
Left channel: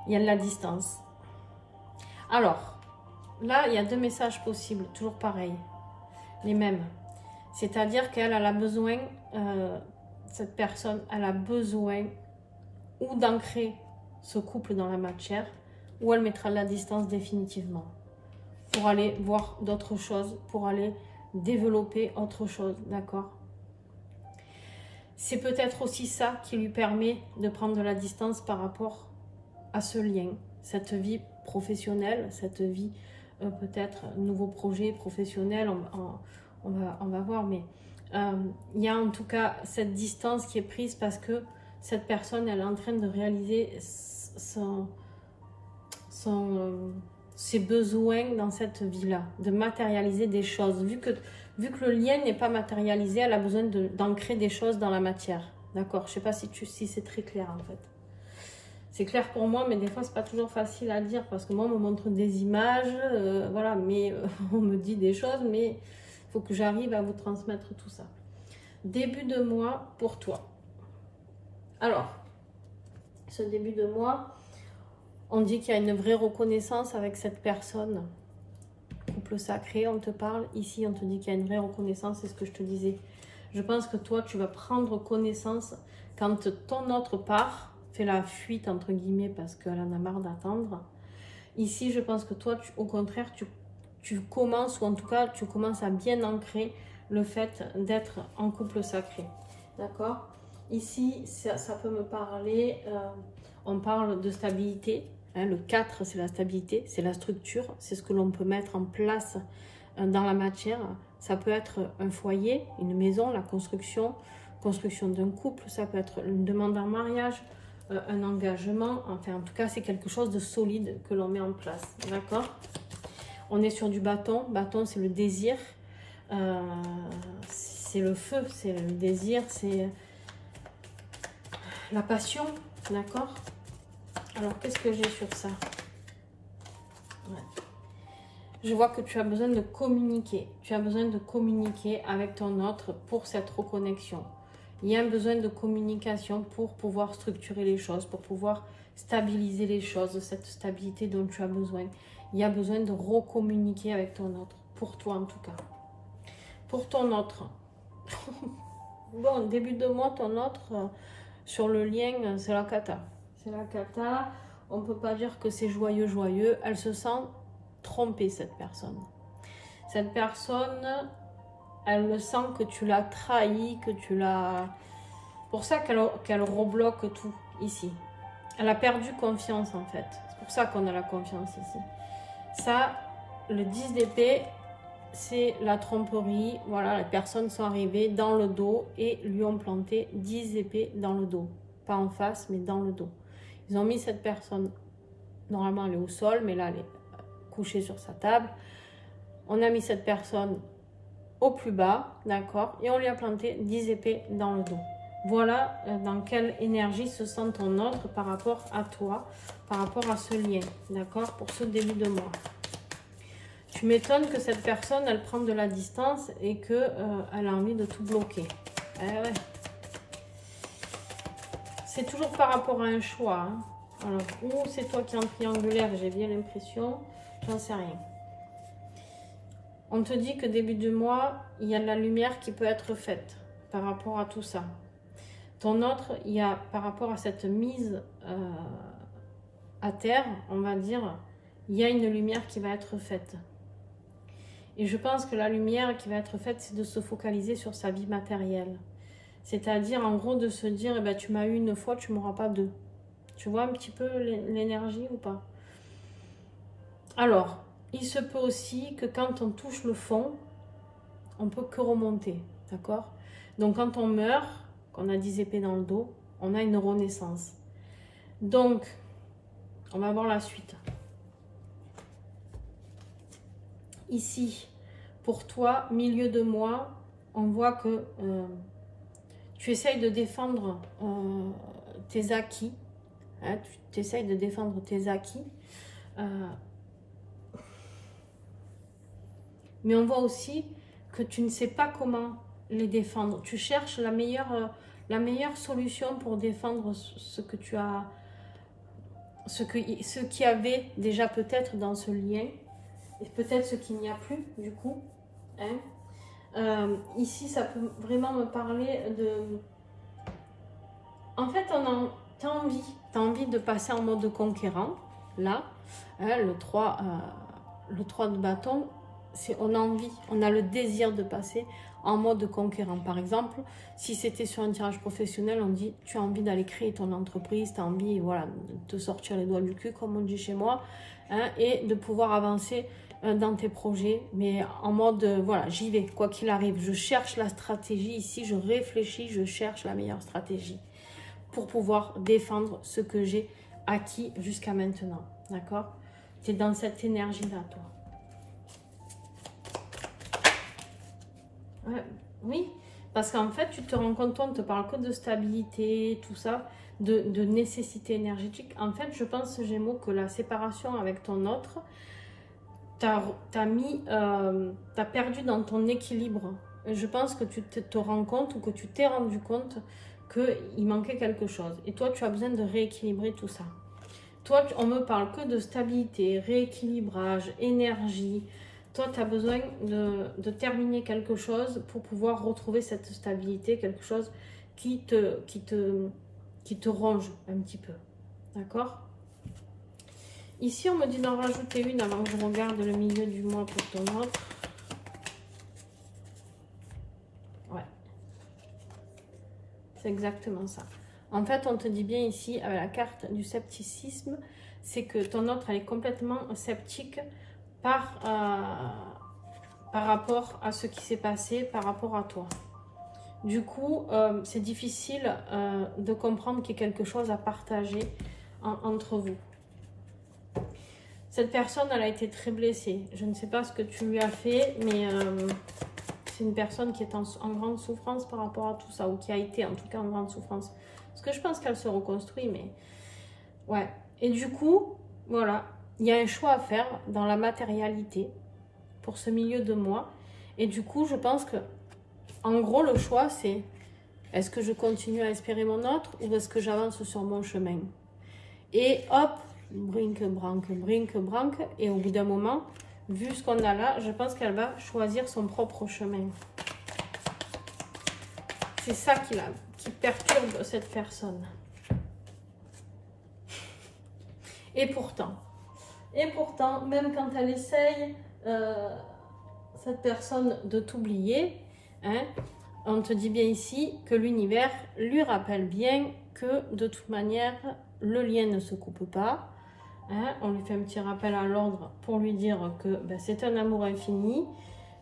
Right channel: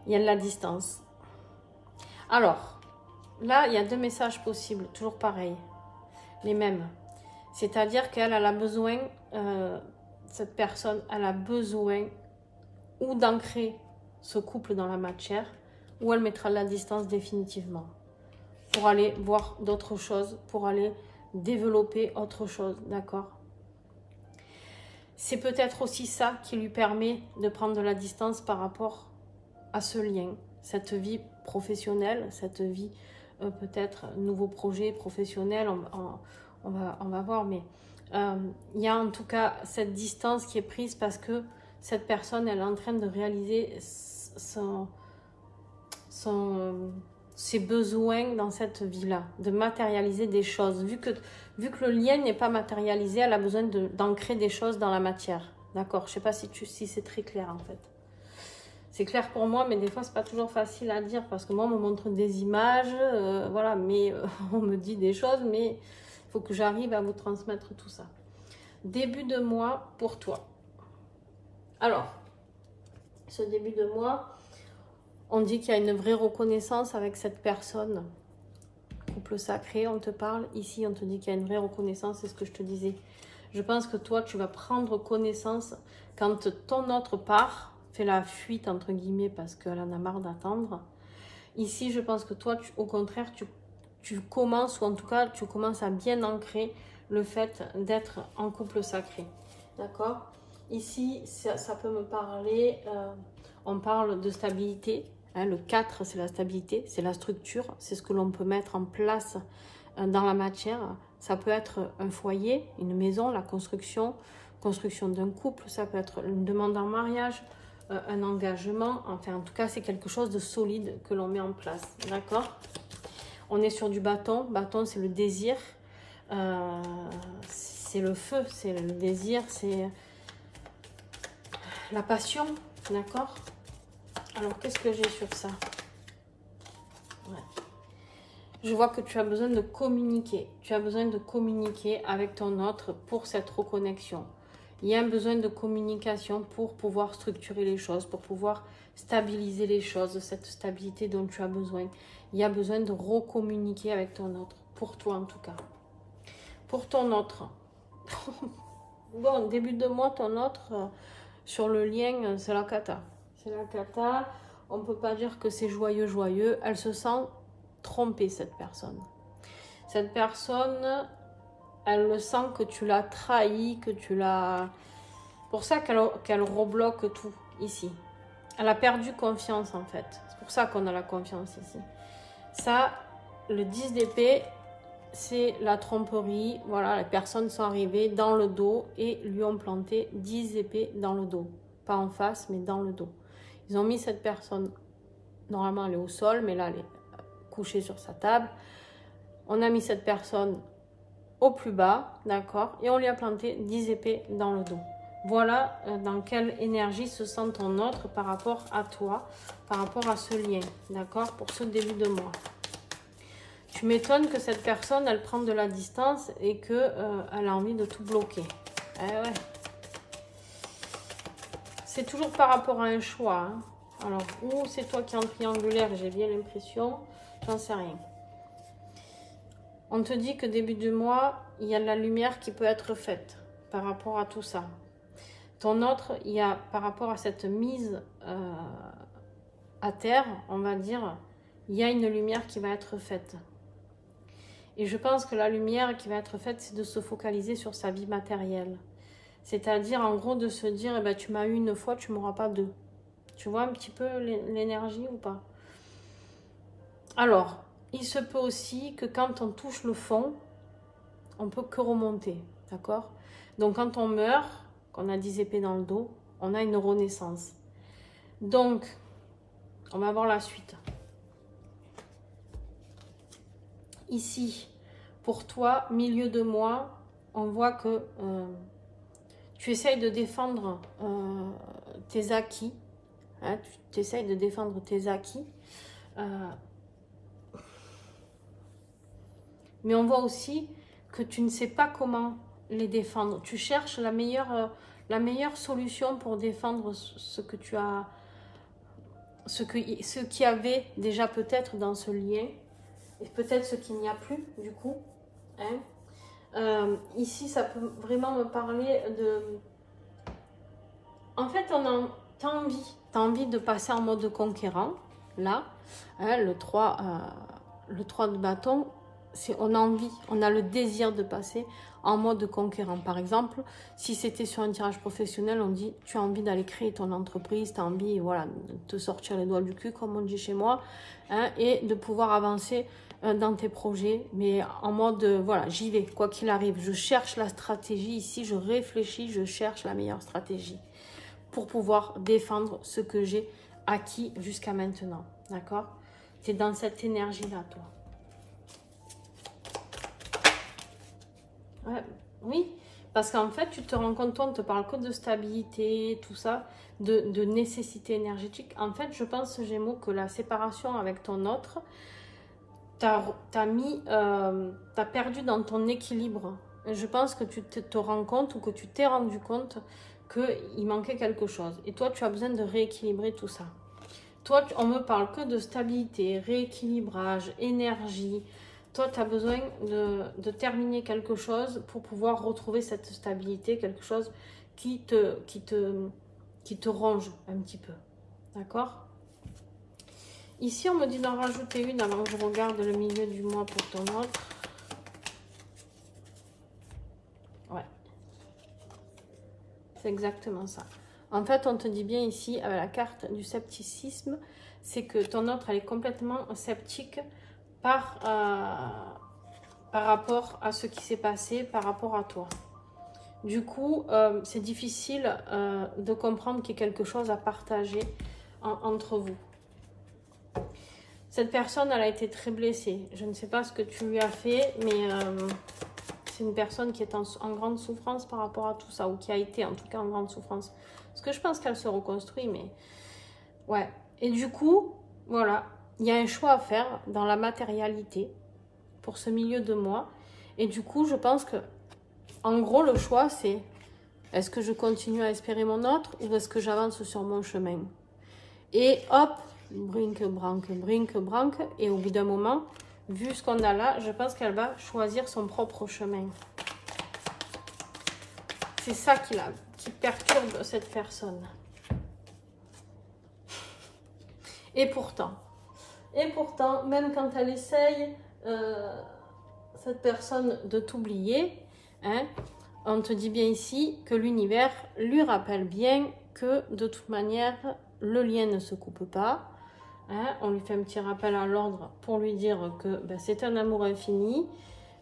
Il y a de la distance. Alors, là, il y a deux messages possibles, toujours pareil, les mêmes. C'est-à-dire qu'elle a besoin, cette personne, elle a besoin ou d'ancrer ce couple dans la matière, ou elle mettra de la distance définitivement pour aller voir d'autres choses, pour aller développer autre chose, d'accord? C'est peut-être aussi ça qui lui permet de prendre de la distance par rapport à ce lien, cette vie professionnelle, cette vie peut-être nouveau projet professionnel, on va voir, mais il y a en tout cas cette distance qui est prise parce que cette personne, elle est en train de réaliser ses besoins dans cette vie-là, de matérialiser des choses. Vu que le lien n'est pas matérialisé, elle a besoin d'ancrer des choses dans la matière. D'accord? Je ne sais pas si c'est très clair en fait. C'est clair pour moi, mais des fois, c'est pas toujours facile à dire parce que moi, on me montre des images, voilà, mais on me dit des choses, mais il faut que j'arrive à vous transmettre tout ça. Début de mois pour toi. Alors, ce début de mois, on dit qu'il y a une vraie reconnaissance avec cette personne. Couple sacré, on te parle. Ici, on te dit qu'il y a une vraie reconnaissance, c'est ce que je te disais. Je pense que toi, tu vas prendre connaissance quand ton autre part, fait la fuite, entre guillemets, parce qu'elle en a marre d'attendre. Ici, je pense que toi, au contraire, tu commences, ou en tout cas, tu commences à bien ancrer le fait d'être en couple sacré. D'accord? Ici, ça peut me parler, on parle de stabilité. Hein, le 4, c'est la stabilité, c'est la structure, c'est ce que l'on peut mettre en place dans la matière. Ça peut être un foyer, une maison, la construction d'un couple, ça peut être une demande en mariage, un engagement, enfin en tout cas c'est quelque chose de solide que l'on met en place, d'accord? On est sur du bâton, bâton c'est le désir, c'est le feu, c'est le désir, c'est la passion, d'accord? Alors, qu'est-ce que j'ai sur ça? Ouais. Je vois que tu as besoin de communiquer. Tu as besoin de communiquer avec ton autre pour cette reconnexion. Il y a un besoin de communication pour pouvoir structurer les choses, pour pouvoir stabiliser les choses, cette stabilité dont tu as besoin. Il y a besoin de recommuniquer avec ton autre pour toi en tout cas. Pour ton autre. Bon, début de mois, ton autre, sur le lien, c'est la cata. C'est la cata. On ne peut pas dire que c'est joyeux, joyeux. Elle se sent trompée, cette personne. Cette personne, elle le sent que tu l'as trahi, que tu l'as... Pour ça qu'elle rebloque tout ici. Elle a perdu confiance en fait. C'est pour ça qu'on a la confiance ici. Ça, le 10 d'épée, c'est la tromperie. Voilà, les personnes sont arrivées dans le dos et lui ont planté 10 épées dans le dos. Pas en face, mais dans le dos. Ils ont mis cette personne, normalement elle est au sol, mais là elle est couchée sur sa table. On a mis cette personne au plus bas, d'accord, et on lui a planté 10 épées dans le dos. Voilà dans quelle énergie se sent ton autre par rapport à toi, par rapport à ce lien, d'accord, pour ce début de mois. Tu m'étonnes que cette personne, elle prend de la distance et qu'elle a envie de tout bloquer. Eh ouais. C'est toujours par rapport à un choix. Hein. Alors, ou c'est toi qui es en triangulaire, j'ai bien l'impression, j'en sais rien. On te dit que début du mois, il y a de la lumière qui peut être faite par rapport à tout ça. Ton autre, il y a par rapport à cette mise à terre, on va dire, il y a une lumière qui va être faite. Et je pense que la lumière qui va être faite, c'est de se focaliser sur sa vie matérielle. C'est-à-dire, en gros, de se dire, eh ben, tu m'as eu une fois, tu ne m'auras pas deux. Tu vois un petit peu l'énergie ou pas? Alors, il se peut aussi que quand on touche le fond, on peut que remonter, d'accord? Donc, quand on meurt, qu'on a 10 épées dans le dos, on a une renaissance. Donc, on va voir la suite. Ici, pour toi, milieu de mois, on voit que tu essayes de défendre tes acquis. Hein, tu essayes de défendre tes acquis. Mais on voit aussi que tu ne sais pas comment les défendre. Tu cherches la meilleure solution pour défendre ce que tu as, ce qui avait déjà peut-être dans ce lien. Et peut-être ce qu'il n'y a plus, du coup. Hein. Ici, ça peut vraiment me parler de... En fait, t'as envie de passer en mode conquérant. Là, hein, le 3 de bâton, on a envie, on a le désir de passer en mode conquérant. Par exemple, si c'était sur un tirage professionnel, on dit tu as envie d'aller créer ton entreprise, tu as envie, voilà, de te sortir les doigts du cul, comme on dit chez moi, hein, et de pouvoir avancer dans tes projets, mais en mode, voilà, j'y vais, quoi qu'il arrive. Je cherche la stratégie ici, je réfléchis, je cherche la meilleure stratégie pour pouvoir défendre ce que j'ai acquis jusqu'à maintenant, d'accord? Tu es dans cette énergie-là, toi. Ouais, oui, parce qu'en fait, tu te rends compte, on ne te parle que de stabilité, tout ça, de nécessité énergétique. En fait, je pense, Gémeaux, que la séparation avec ton autre, t'as perdu dans ton équilibre. Je pense que tu te rends compte ou que tu t'es rendu compte qu'il manquait quelque chose. Et toi, tu as besoin de rééquilibrer tout ça. Toi, on me parle que de stabilité, rééquilibrage, énergie. Toi, tu as besoin de terminer quelque chose pour pouvoir retrouver cette stabilité, quelque chose qui te ronge un petit peu. D'accord ? Ici, on me dit d'en rajouter une avant que je regarde le milieu du mois pour ton autre. Ouais. C'est exactement ça. En fait, on te dit bien ici, avec la carte du scepticisme, c'est que ton autre, elle est complètement sceptique par rapport à ce qui s'est passé, par rapport à toi. Du coup, c'est difficile de comprendre qu'il y ait quelque chose à partager entre vous. Cette personne, elle a été très blessée. Je ne sais pas ce que tu lui as fait, mais c'est une personne qui est en grande souffrance par rapport à tout ça, ou qui a été en tout cas en grande souffrance. Parce que je pense qu'elle se reconstruit, mais... Ouais. Et du coup, voilà, il y a un choix à faire dans la matérialité pour ce milieu de mois. Et du coup, je pense que, en gros, le choix, c'est est-ce que je continue à espérer mon autre ou est-ce que j'avance sur mon chemin? Et hop, brinque-branque, et au bout d'un moment, vu ce qu'on a là, je pense qu'elle va choisir son propre chemin. C'est ça qui perturbe cette personne. Et pourtant, même quand elle essaye, cette personne, de t'oublier, hein, on te dit bien ici que l'univers lui rappelle bien que de toute manière, le lien ne se coupe pas. Hein, on lui fait un petit rappel à l'ordre pour lui dire que ben, c'est un amour infini.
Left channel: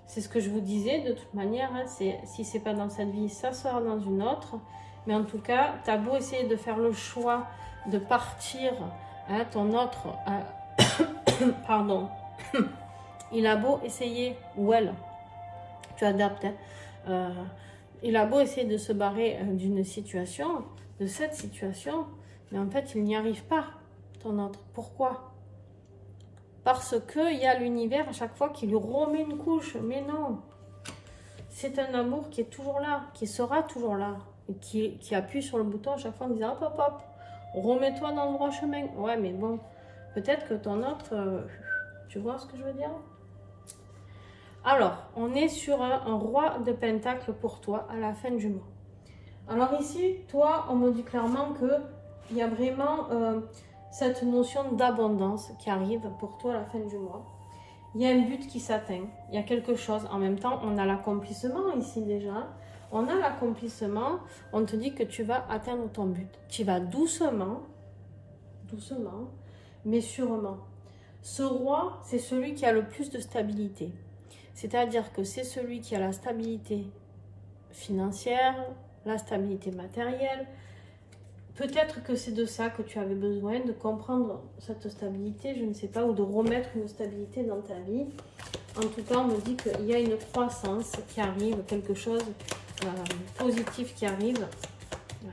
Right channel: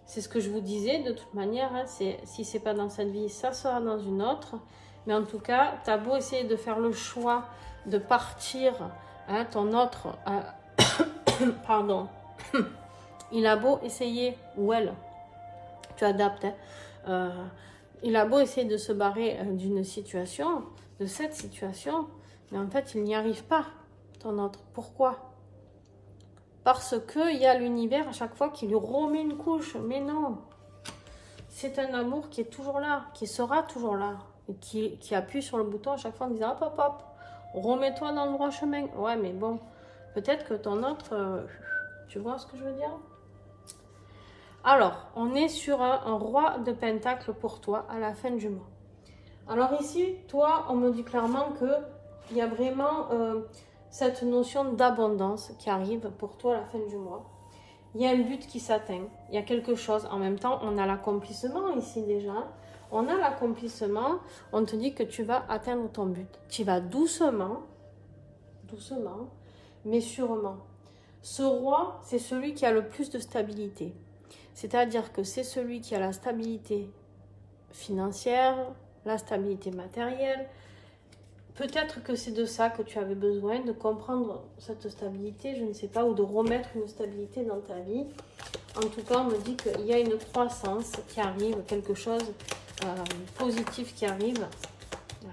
C'est ce que je vous disais, de toute manière, hein, si c'est pas dans cette vie, ça sera dans une autre. Mais en tout cas, tu as beau essayer de faire le choix de partir, hein, ton autre, pardon, il a beau essayer, ou elle, tu adaptes, hein, il a beau essayer de se barrer d'une situation, de cette situation, mais en fait, il n'y arrive pas, ton autre. Pourquoi? Parce qu'il y a l'univers à chaque fois qui lui remet une couche. Mais non, c'est un amour qui est toujours là, qui sera toujours là, et qui appuie sur le bouton à chaque fois en disant hop, hop, hop, remets-toi dans le droit chemin. Ouais, mais bon, peut-être que ton autre, tu vois ce que je veux dire? Alors, on est sur un roi de pentacle pour toi à la fin du mois. Alors ici, toi, on me dit clairement qu'il y a vraiment cette notion d'abondance qui arrive pour toi à la fin du mois. Il y a un but qui s'atteint, il y a quelque chose. En même temps, on a l'accomplissement ici déjà. On a l'accomplissement, on te dit que tu vas atteindre ton but. Tu vas doucement, doucement, mais sûrement. Ce roi, c'est celui qui a le plus de stabilité. C'est-à-dire que c'est celui qui a la stabilité financière, la stabilité matérielle. Peut-être que c'est de ça que tu avais besoin, de comprendre cette stabilité, je ne sais pas, ou de remettre une stabilité dans ta vie. En tout cas, on me dit qu'il y a une croissance qui arrive, quelque chose positif qui arrive. Ouais.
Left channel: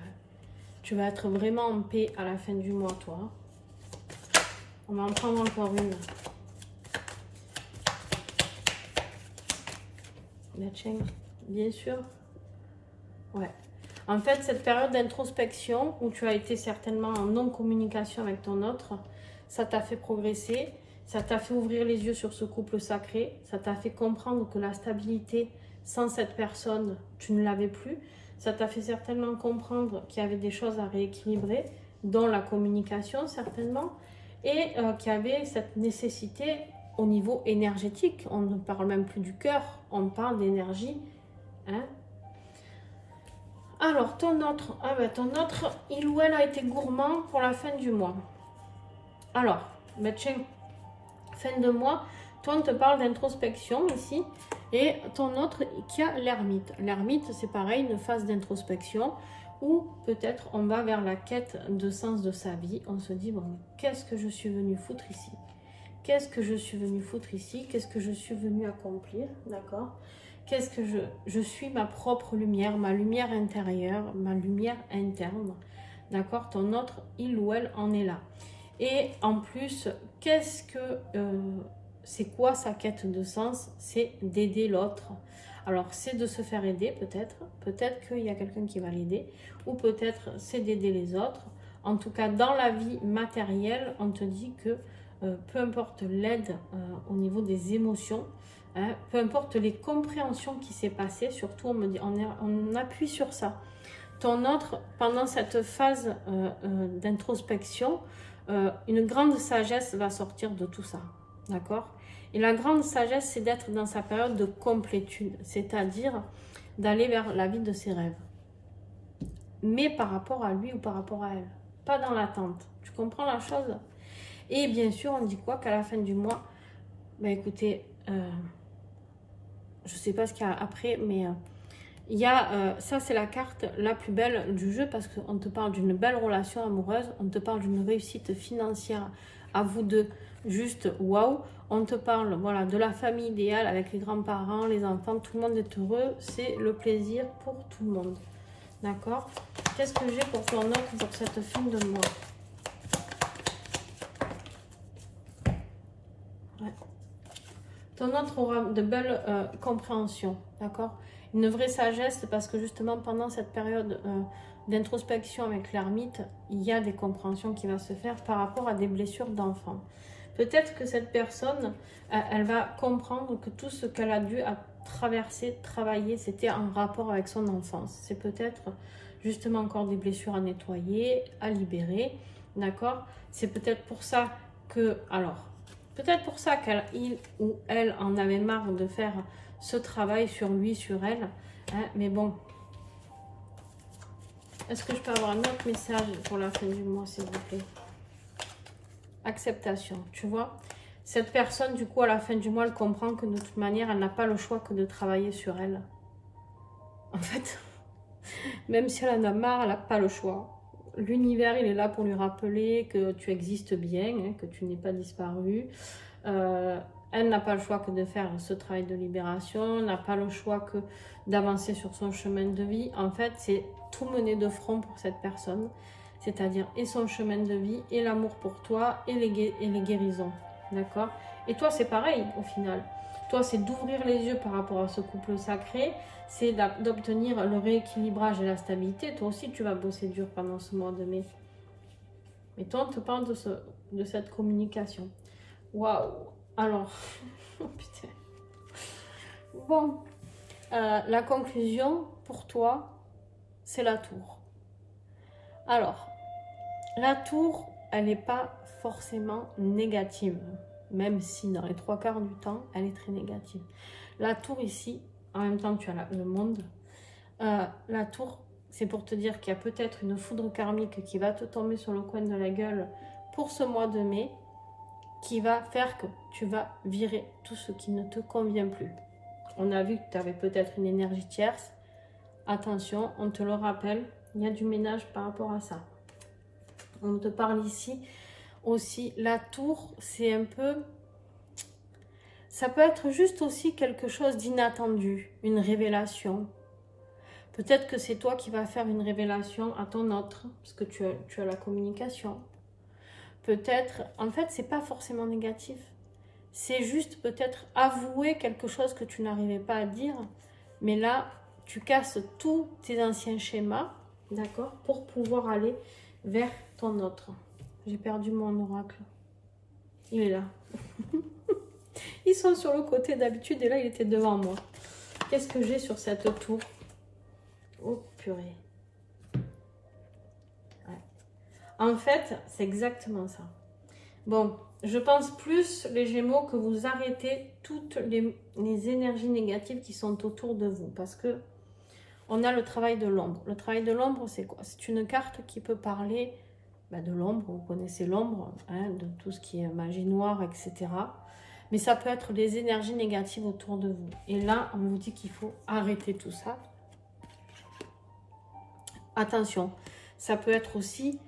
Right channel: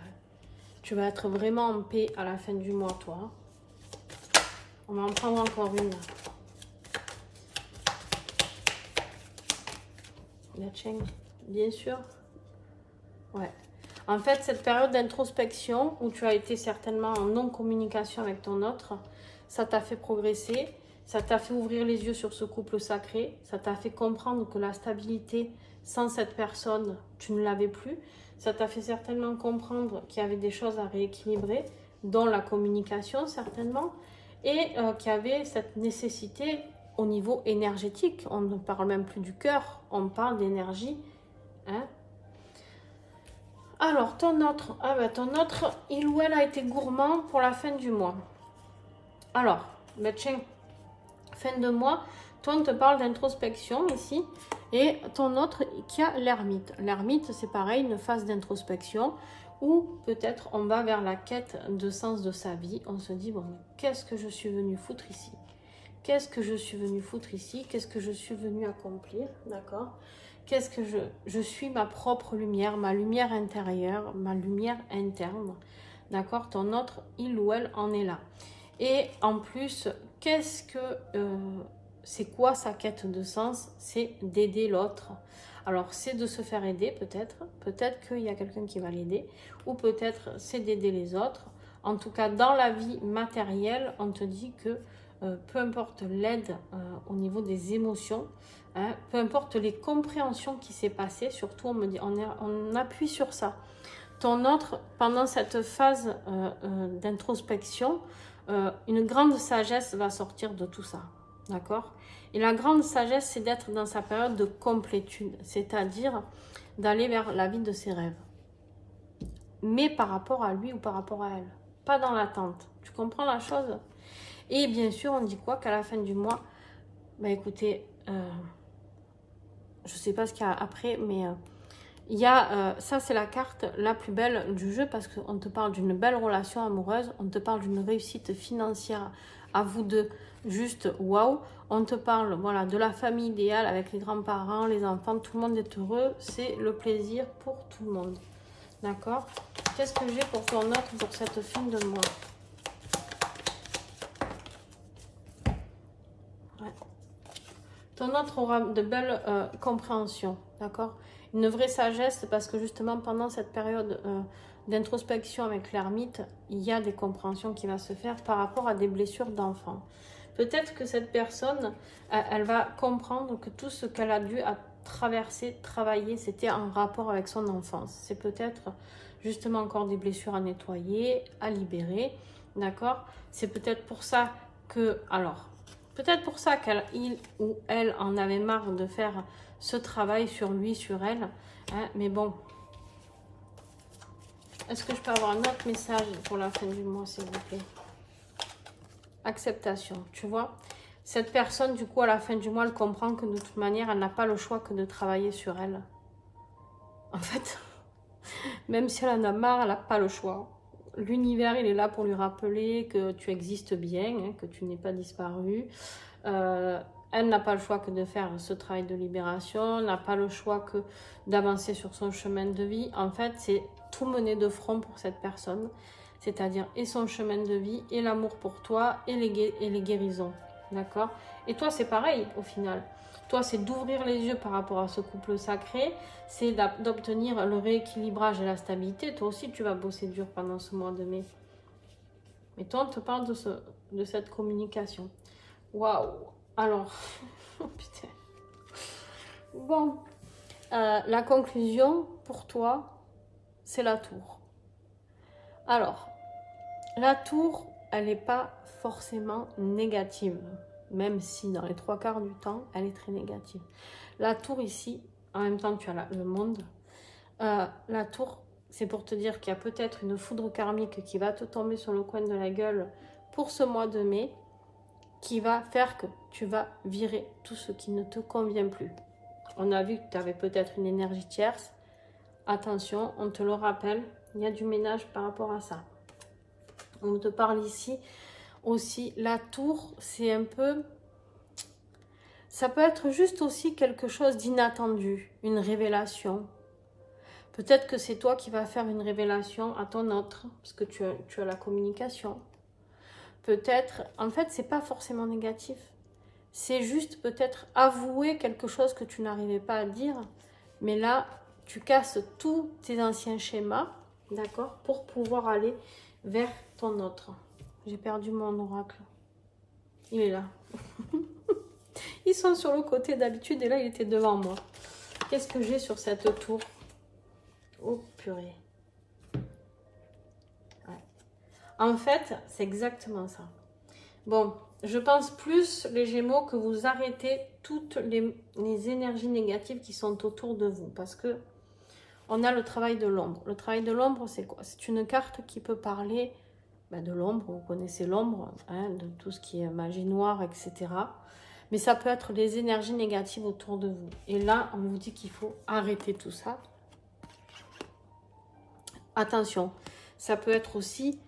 Tu vas être vraiment en paix à la fin du mois, toi. On va en prendre encore une. La chaîne, bien sûr. Ouais. En fait, cette période d'introspection où tu as été certainement en non-communication avec ton autre, ça t'a fait progresser, ça t'a fait ouvrir les yeux sur ce couple sacré, ça t'a fait comprendre que la stabilité sans cette personne, tu ne l'avais plus. Ça t'a fait certainement comprendre qu'il y avait des choses à rééquilibrer, dont la communication certainement, et qu'il y avait cette nécessité au niveau énergétique. On ne parle même plus du cœur, on parle d'énergie. Hein? Alors, ton autre, il ou elle a été gourmand pour la fin du mois. Alors, ben tiens, fin de mois, toi, on te parle d'introspection ici. Et ton autre qui a l'ermite. L'ermite, c'est pareil, une phase d'introspection où peut-être on va vers la quête de sens de sa vie. On se dit, bon, qu'est-ce que je suis venu foutre ici? Qu'est-ce que je suis venu foutre ici? Qu'est-ce que je suis venu accomplir? D'accord? Qu'est-ce que je suis ma propre lumière, ma lumière intérieure, ma lumière interne. D'accord? Ton autre, il ou elle en est là. Et en plus, qu'est-ce que c'est quoi sa quête de sens? C'est d'aider l'autre. Alors, c'est de se faire aider peut-être. Peut-être qu'il y a quelqu'un qui va l'aider. Ou peut-être c'est d'aider les autres. En tout cas, dans la vie matérielle, on te dit que peu importe l'aide au niveau des émotions, hein, peu importe les compréhensions qui s'est passées, surtout on me dit, on appuie sur ça. Ton autre, pendant cette phase d'introspection, une grande sagesse va sortir de tout ça. D'accord? Et la grande sagesse, c'est d'être dans sa période de complétude, c'est-à-dire d'aller vers la vie de ses rêves. Mais par rapport à lui ou par rapport à elle, pas dans l'attente. Tu comprends la chose? Et bien sûr, on dit quoi? Qu'à la fin du mois, bah écoutez, je ne sais pas ce qu'il y a après, mais il y a, ça c'est la carte la plus belle du jeu parce qu'on te parle d'une belle relation amoureuse, on te parle d'une réussite financière à vous deux, juste waouh. On te parle, voilà, de la famille idéale avec les grands-parents, les enfants, tout le monde est heureux, c'est le plaisir pour tout le monde. D'accord? Qu'est-ce que j'ai pour ton autre pour cette fin de mois? Ouais. Ton autre aura de belles compréhensions, d'accord? Une vraie sagesse, parce que justement, pendant cette période d'introspection avec l'ermite, il y a des compréhensions qui vont se faire par rapport à des blessures d'enfants. Peut-être que cette personne, elle va comprendre que tout ce qu'elle a dû traverser, travailler, c'était en rapport avec son enfance. C'est peut-être justement encore des blessures à nettoyer, à libérer, d'accord? C'est peut-être pour ça que, alors, peut-être pour ça qu'il ou elle en avait marre de faire ce travail sur lui, sur elle, hein, mais bon. Est-ce que je peux avoir un autre message pour la fin du mois, s'il vous plaît? Acceptation, tu vois. Cette personne, du coup, à la fin du mois, elle comprend que de toute manière, elle n'a pas le choix que de travailler sur elle. En fait, même si elle en a marre, elle n'a pas le choix. L'univers, il est là pour lui rappeler que tu existes bien, hein, que tu n'es pas disparu. Elle n'a pas le choix que de faire ce travail de libération, n'a pas le choix que d'avancer sur son chemin de vie. En fait, c'est tout mener de front pour cette personne, c'est-à-dire et son chemin de vie, et l'amour pour toi, et les guérisons, d'accord? Et toi, c'est pareil, au final. Toi, c'est d'ouvrir les yeux par rapport à ce couple sacré, c'est d'obtenir le rééquilibrage et la stabilité. Toi aussi, tu vas bosser dur pendant ce mois de mai. Mais toi, on te parle de cette communication. Waouh! Alors, oh putain. Bon, la conclusion pour toi, c'est la tour. Alors, la tour, elle n'est pas forcément négative, même si dans les 3/4 du temps, elle est très négative. La tour ici, en même temps tu as le monde, la tour, c'est pour te dire qu'il y a peut-être une foudre karmique qui va te tomber sur le coin de la gueule pour ce mois de mai, qui va faire que tu vas virer tout ce qui ne te convient plus. On a vu que tu avais peut-être une énergie tierce. Attention, on te le rappelle, il y a du ménage par rapport à ça. On te parle ici aussi, la tour, c'est un peu... Ça peut être juste aussi quelque chose d'inattendu, une révélation. Peut-être que c'est toi qui vas faire une révélation à ton autre, parce que tu as la communication. Peut-être, en fait, c'est pas forcément négatif. C'est juste peut-être avouer quelque chose que tu n'arrivais pas à dire. Mais là, tu casses tous tes anciens schémas, d'accord, pour pouvoir aller vers ton autre. J'ai perdu mon oracle. Il est là. Ils sont sur le côté d'habitude et là, il était devant moi. Qu'est-ce que j'ai sur cette tour? Oh, purée. Ouais. En fait, c'est exactement ça. Bon, je pense plus, les Gémeaux, que vous arrêtez toutes les énergies négatives qui sont autour de vous. Parce que on a le travail de l'ombre. Le travail de l'ombre, c'est quoi? C'est une carte qui peut parler de l'ombre. Vous connaissez l'ombre, hein, de tout ce qui est magie noire, etc. Mais ça peut être des énergies négatives autour de vous. Et là, on vous dit qu'il faut arrêter tout ça. Attention, ça peut être aussi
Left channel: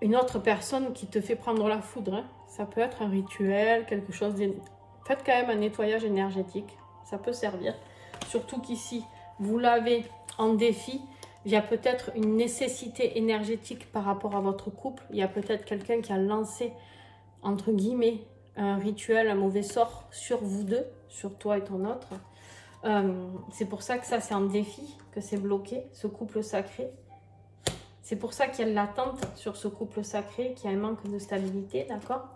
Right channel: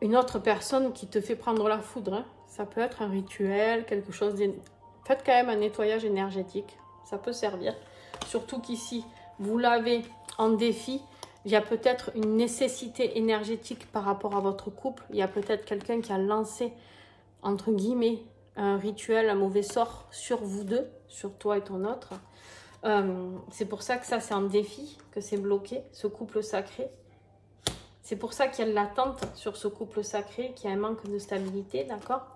une autre personne qui te fait prendre la foudre. Hein. Ça peut être un rituel, quelque chose de... Faites quand même un nettoyage énergétique. Ça peut servir. Surtout qu'ici, vous l'avez en défi. Il y a peut-être une nécessité énergétique par rapport à votre couple. Il y a peut-être quelqu'un qui a lancé, entre guillemets, un rituel, un mauvais sort sur vous deux, sur toi et ton autre. C'est pour ça que ça, c'est un défi, que c'est bloqué, ce couple sacré. C'est pour ça qu'il y a de l'attente sur ce couple sacré, qu'il y a un manque de stabilité, d'accord?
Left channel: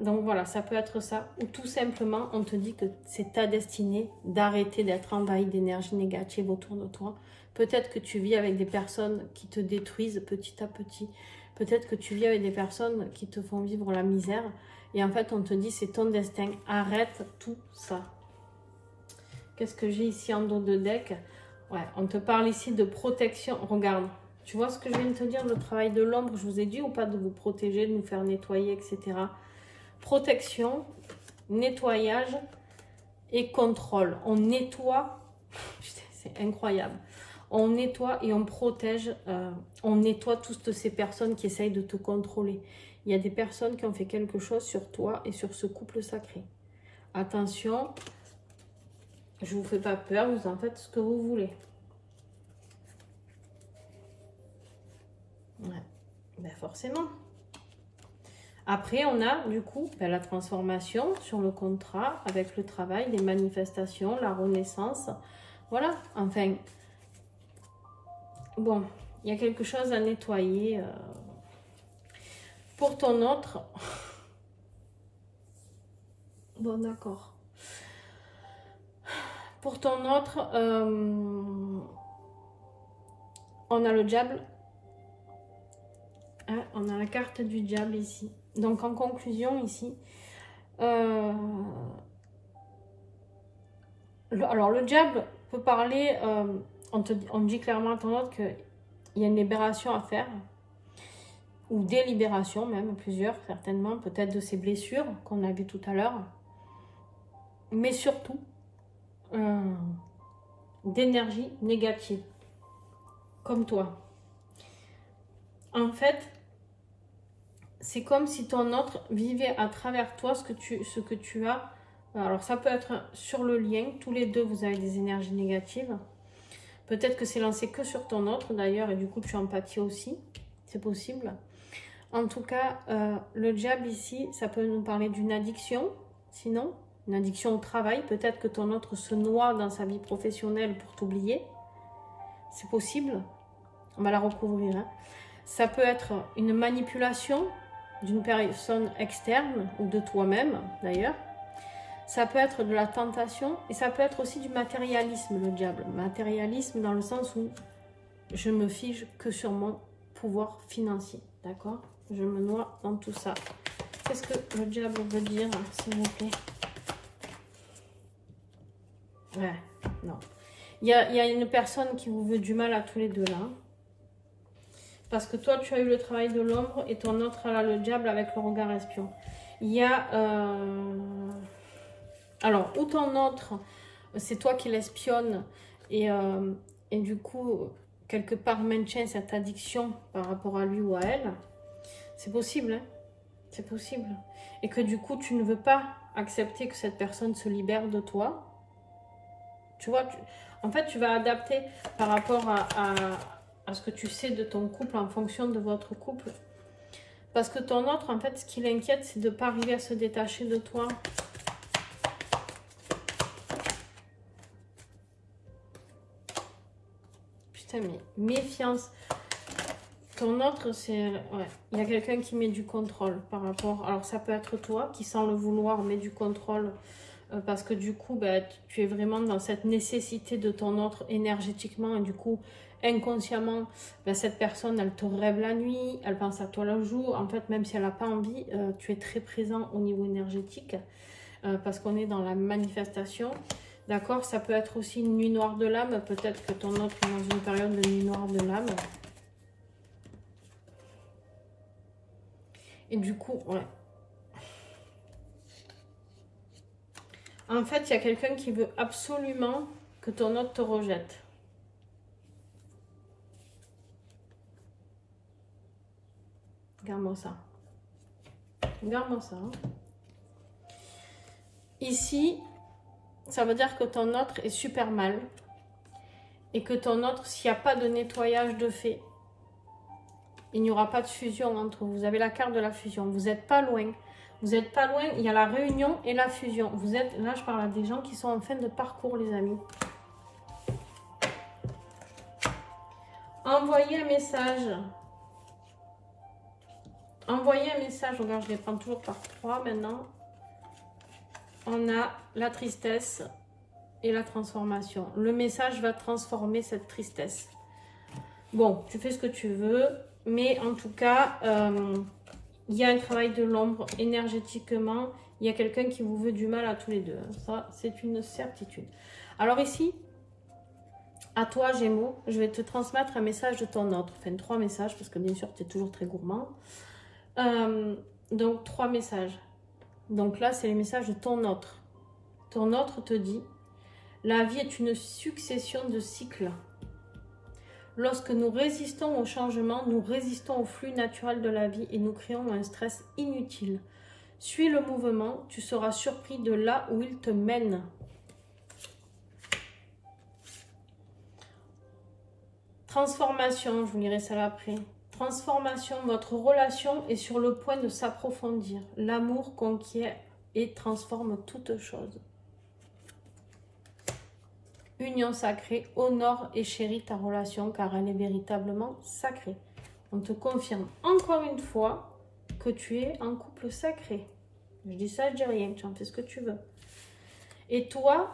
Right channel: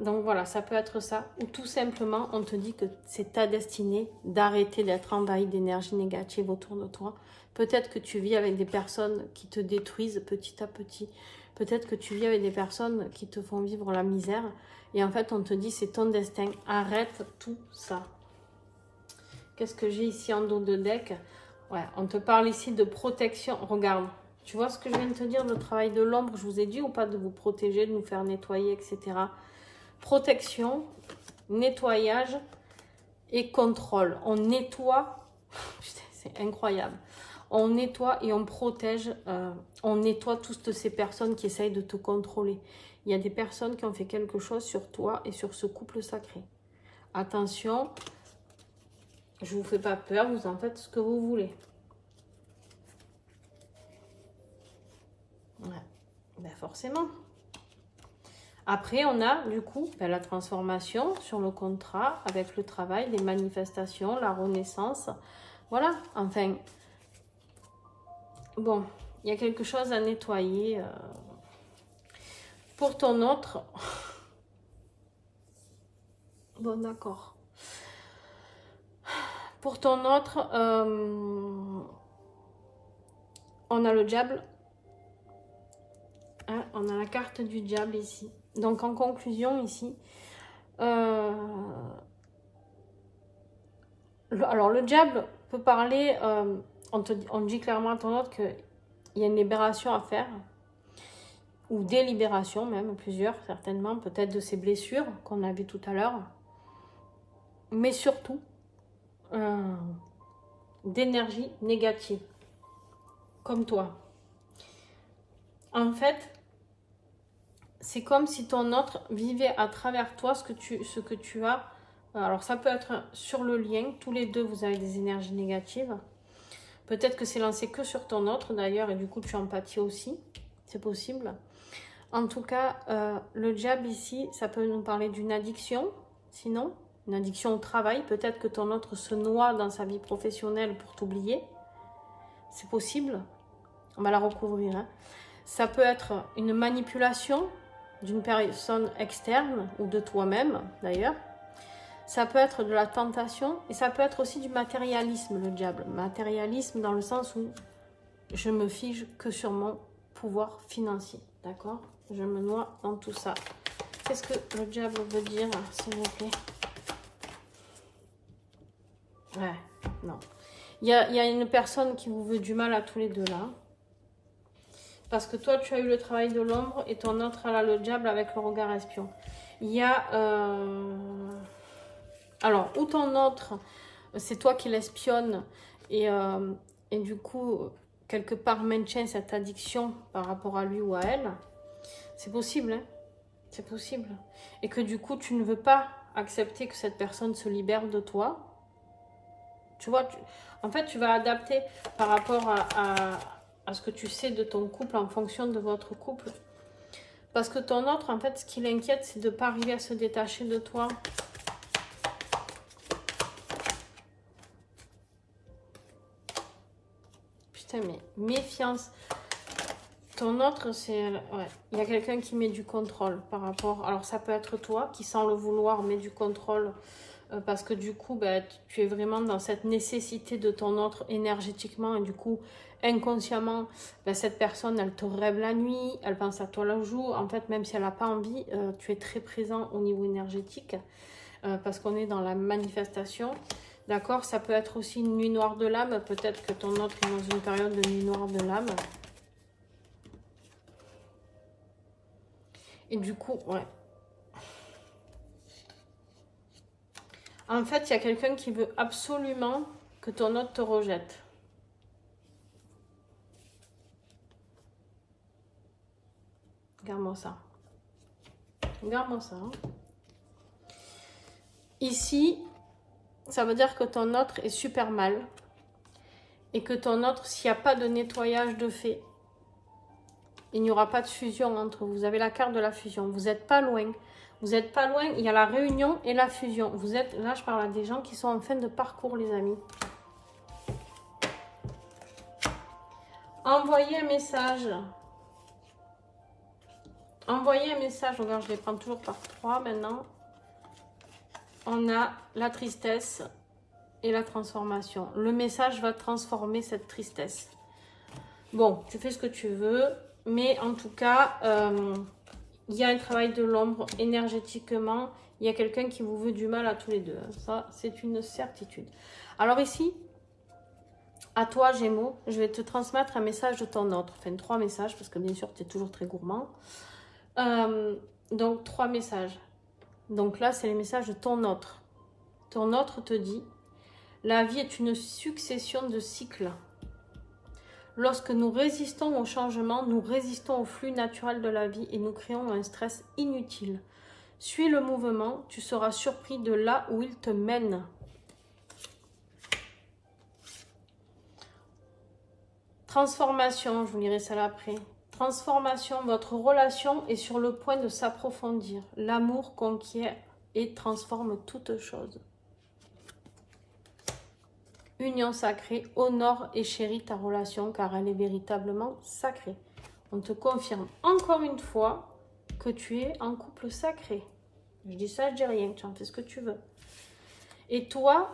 Donc voilà, ça peut être ça. Ou tout simplement, on te dit que c'est ta destinée d'arrêter d'être envahi d'énergie négative autour de toi. Peut-être que tu vis avec des personnes qui te détruisent petit à petit. Peut-être que tu vis avec des personnes qui te font vivre la misère. Et en fait, on te dit, c'est ton destin. Arrête tout ça. Qu'est-ce que j'ai ici en dos de deck? Ouais, on te parle ici de protection. Regarde, tu vois ce que je viens de te dire, le travail de l'ombre, je vous ai dit ou pas de vous protéger, de nous faire nettoyer, etc. Protection, nettoyage et contrôle. On nettoie, c'est incroyable. On nettoie et on protège, on nettoie toutes ces personnes qui essayent de te contrôler. Il y a des personnes qui ont fait quelque chose sur toi et sur ce couple sacré. Attention, je ne vous fais pas peur, vous en faites ce que vous voulez. Ouais, ben forcément. Après, on a du coup la transformation sur le contrat avec le travail, les manifestations, la renaissance. Voilà, enfin, bon, il y a quelque chose à nettoyer. Pour ton autre... Bon, d'accord. Pour ton autre, on a le diable. Hein, on a la carte du diable ici. Donc, en conclusion, ici... alors, le diable peut parler... on dit clairement à ton autre qu'il y a une libération à faire. Ou des libérations même, plusieurs certainement, peut-être de ces blessures qu'on a vues tout à l'heure, mais surtout d'énergie négative, comme toi. En fait, c'est comme si ton autre vivait à travers toi ce que tu as. Alors ça peut être sur le lien, tous les deux vous avez des énergies négatives. Peut-être que c'est lancé que sur ton autre d'ailleurs, et du coup tu empathies aussi, c'est possible. En tout cas, le diable ici, ça peut nous parler d'une addiction, sinon, une addiction au travail. Peut-être que ton autre se noie dans sa vie professionnelle pour t'oublier. C'est possible. On va la recouvrir. Hein. Ça peut être une manipulation d'une personne externe ou de toi-même, d'ailleurs. Ça peut être de la tentation et ça peut être aussi du matérialisme, le diable. Matérialisme dans le sens où je me fige que sur mon pouvoir financier, d'accord? Je me noie dans tout ça. Qu'est-ce que le diable veut dire, s'il vous plaît? Ouais, non. Il y a une personne qui vous veut du mal à tous les deux, là. Parce que toi, tu as eu le travail de l'ombre et ton autre, elle a le diable avec le regard espion. Il y a... Alors, ou ton autre, c'est toi qui l'espionne et du coup, quelque part, maintient cette addiction par rapport à lui ou à elle. C'est possible, hein? C'est possible. Et que du coup, tu ne veux pas accepter que cette personne se libère de toi. Tu vois, en fait, tu vas adapter par rapport à ce que tu sais de ton couple en fonction de votre couple. Parce que ton autre, en fait, ce qui l'inquiète, c'est de ne pas arriver à se détacher de toi. Putain, mais méfiance. Ton autre, c'est... Ouais, il y a quelqu'un qui met du contrôle par rapport... Alors, ça peut être toi qui, sans le vouloir, met du contrôle parce que du coup, bah, tu es vraiment dans cette nécessité de ton autre énergétiquement et du coup, inconsciemment, bah, cette personne, elle te rêve la nuit, elle pense à toi le jour. En fait, même si elle n'a pas envie, tu es très présent au niveau énergétique parce qu'on est dans la manifestation. D'accord? Ça peut être aussi une nuit noire de l'âme. Peut-être que ton autre est dans une période de nuit noire de l'âme. Et du coup, ouais. En fait, il y a quelqu'un qui veut absolument que ton autre te rejette. Regarde-moi ça. Regarde-moi ça. Hein. Ici, ça veut dire que ton autre est super mal. Et que ton autre, s'il n'y a pas de nettoyage de fait, il n'y aura pas de fusion entre vous. Vous avez la carte de la fusion. Vous n'êtes pas loin. Vous n'êtes pas loin. Il y a la réunion et la fusion. Vous êtes, là, je parle à des gens qui sont en fin de parcours, les amis. Envoyez un message. Envoyez un message. Regarde, je les prends toujours par 3 maintenant. On a la tristesse et la transformation. Le message va transformer cette tristesse. Bon, tu fais ce que tu veux. Mais en tout cas, il y a un travail de l'ombre énergétiquement. Il y a quelqu'un qui vous veut du mal à tous les deux. Ça, c'est une certitude. Alors ici, à toi, Gémeaux, je vais te transmettre un message de ton autre. Enfin, 3 messages, parce que bien sûr, tu es toujours très gourmand. Donc, 3 messages. Donc là, c'est les messages de ton autre. Ton autre te dit, la vie est une succession de cycles. Lorsque nous résistons au changement, nous résistons au flux naturel de la vie et nous créons un stress inutile. Suis le mouvement, tu seras surpris de là où il te mène. Transformation, je vous lirai ça après. Transformation, votre relation est sur le point de s'approfondir. L'amour conquiert et transforme toute chose. Union sacrée, honore et chéris ta relation car elle est véritablement sacrée. On te confirme encore une fois que tu es en couple sacré. Je dis ça, je dis rien, tu en fais ce que tu veux. Et toi,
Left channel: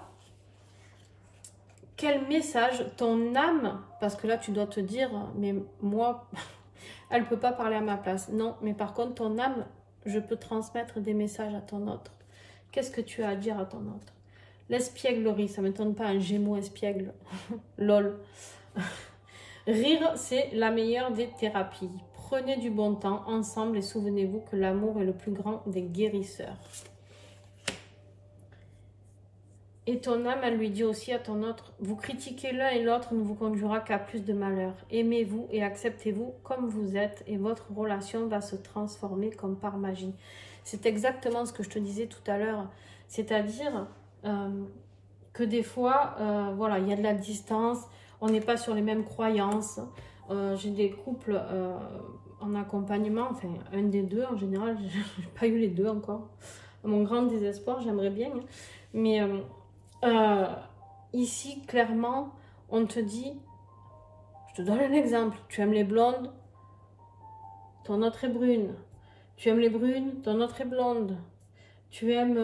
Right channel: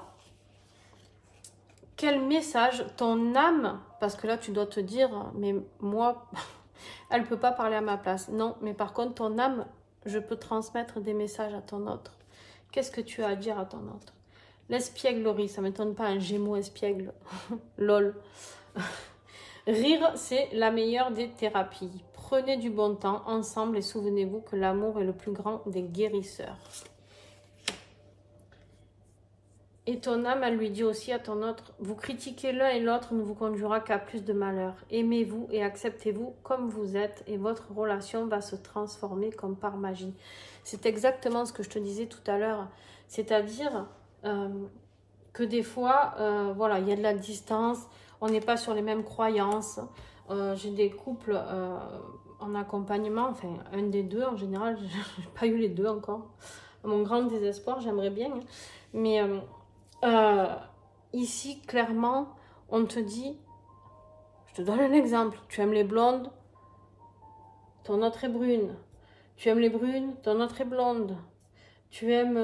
quel message ton âme, parce que là tu dois te dire, mais moi, elle ne peut pas parler à ma place. Non, mais par contre, ton âme, je peux transmettre des messages à ton autre. Qu'est-ce que tu as à dire à ton autre? L'espièglerie, ça ne m'étonne pas, un Gémeaux espiègle. Lol. Rire, c'est la meilleure des thérapies. Prenez du bon temps ensemble et souvenez-vous que l'amour est le plus grand des guérisseurs. Et ton âme, elle lui dit aussi à ton autre, vous critiquez l'un et l'autre ne vous conduira qu'à plus de malheur. Aimez-vous et acceptez-vous comme vous êtes et votre relation va se transformer comme par magie. C'est exactement ce que je te disais tout à l'heure. C'est-à-dire que des fois, voilà, il y a de la distance, on n'est pas sur les mêmes croyances. J'ai des couples en accompagnement, enfin un des deux en général, je n'ai pas eu les deux encore. À mon grand désespoir, j'aimerais bien, hein. Mais ici, clairement, on te dit, je te donne un exemple, tu aimes les blondes, ton autre est brune. Tu aimes les brunes, ton autre est blonde. Tu aimes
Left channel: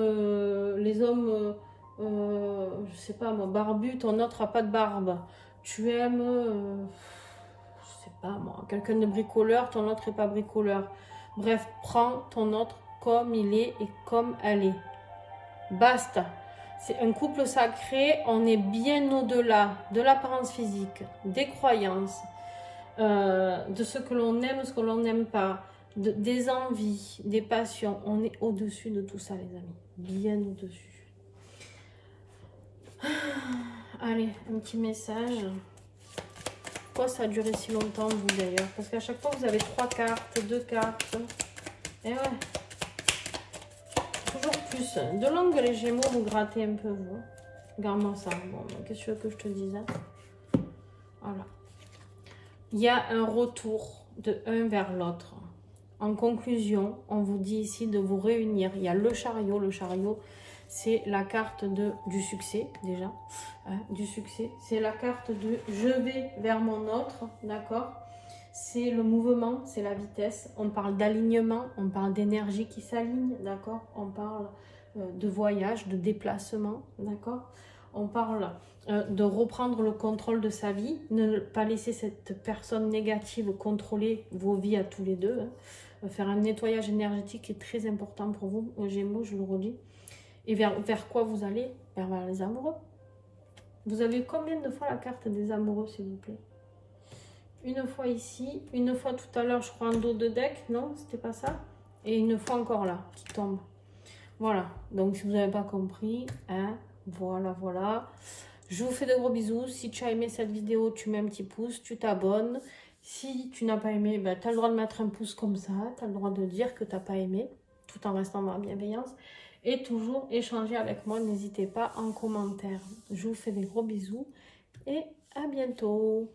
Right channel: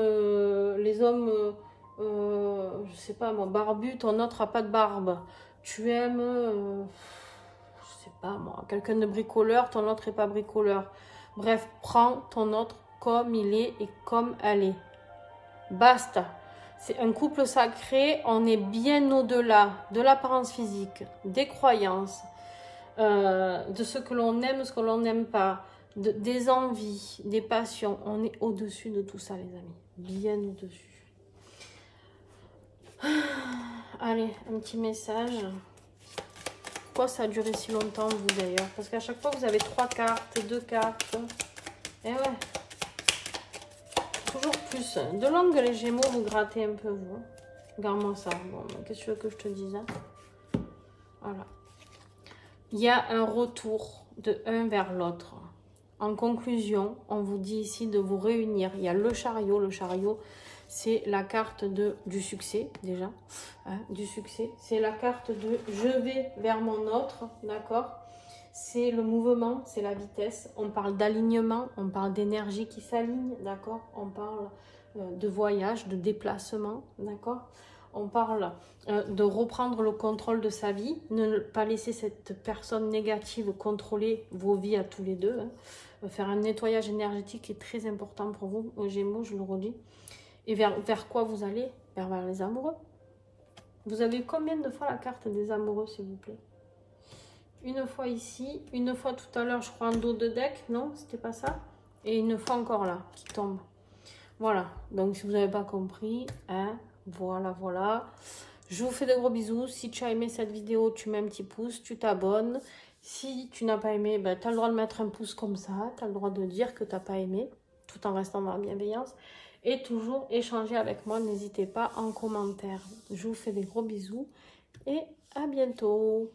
les hommes, je sais pas moi, barbus, ton autre n'a pas de barbe. Tu aimes, je sais pas moi, quelqu'un de bricoleur, ton autre n'est pas bricoleur. Bref, prends ton autre comme il est et comme elle est. Basta. C'est un couple sacré, on est bien au-delà de l'apparence physique, des croyances, de ce que l'on aime, ce que l'on n'aime pas, des envies, des passions. On est au-dessus de tout ça, les amis. Bien au-dessus. Allez, un petit message. Pourquoi ça a duré si longtemps, vous, d'ailleurs? Parce qu'à chaque fois, vous avez 3 cartes, 2 cartes. Et ouais. Toujours plus. De longue, les Gémeaux, vous grattez un peu, vous. Regarde-moi ça. Bon, qu'est-ce que tu veux que je te dise, hein? Voilà. Il y a un retour de un vers l'autre. En conclusion, on vous dit ici de vous réunir. Il y a le chariot. Le chariot, c'est la carte du succès, déjà. Hein, du succès. C'est la carte de je vais vers mon autre, d'accord? C'est le mouvement, c'est la vitesse. On parle d'alignement, on parle d'énergie qui s'aligne, d'accord? On parle de voyage, de déplacement, d'accord? On parle de reprendre le contrôle de sa vie, ne pas laisser cette personne négative contrôler vos vies à tous les deux. Hein. Faire un nettoyage énergétique est très important pour vous, aux Gémeaux, je le redis. Et vers quoi vous allez? Vers les amoureux. Vous avez combien de fois la carte des amoureux, s'il vous plaît? Une fois ici, une fois tout à l'heure, je crois en dos de deck, non? C'était pas ça? Et une fois encore là, qui tombe. Voilà, donc si vous n'avez pas compris, hein, voilà, voilà. Je vous fais de gros bisous. Si tu as aimé cette vidéo, tu mets un petit pouce, tu t'abonnes. Si tu n'as pas aimé, ben, tu as le droit de mettre un pouce comme ça. Tu as le droit de dire que tu n'as pas aimé, tout en restant dans la bienveillance. Et toujours échanger avec moi, n'hésitez pas en commentaire. Je vous fais des gros bisous et à bientôt.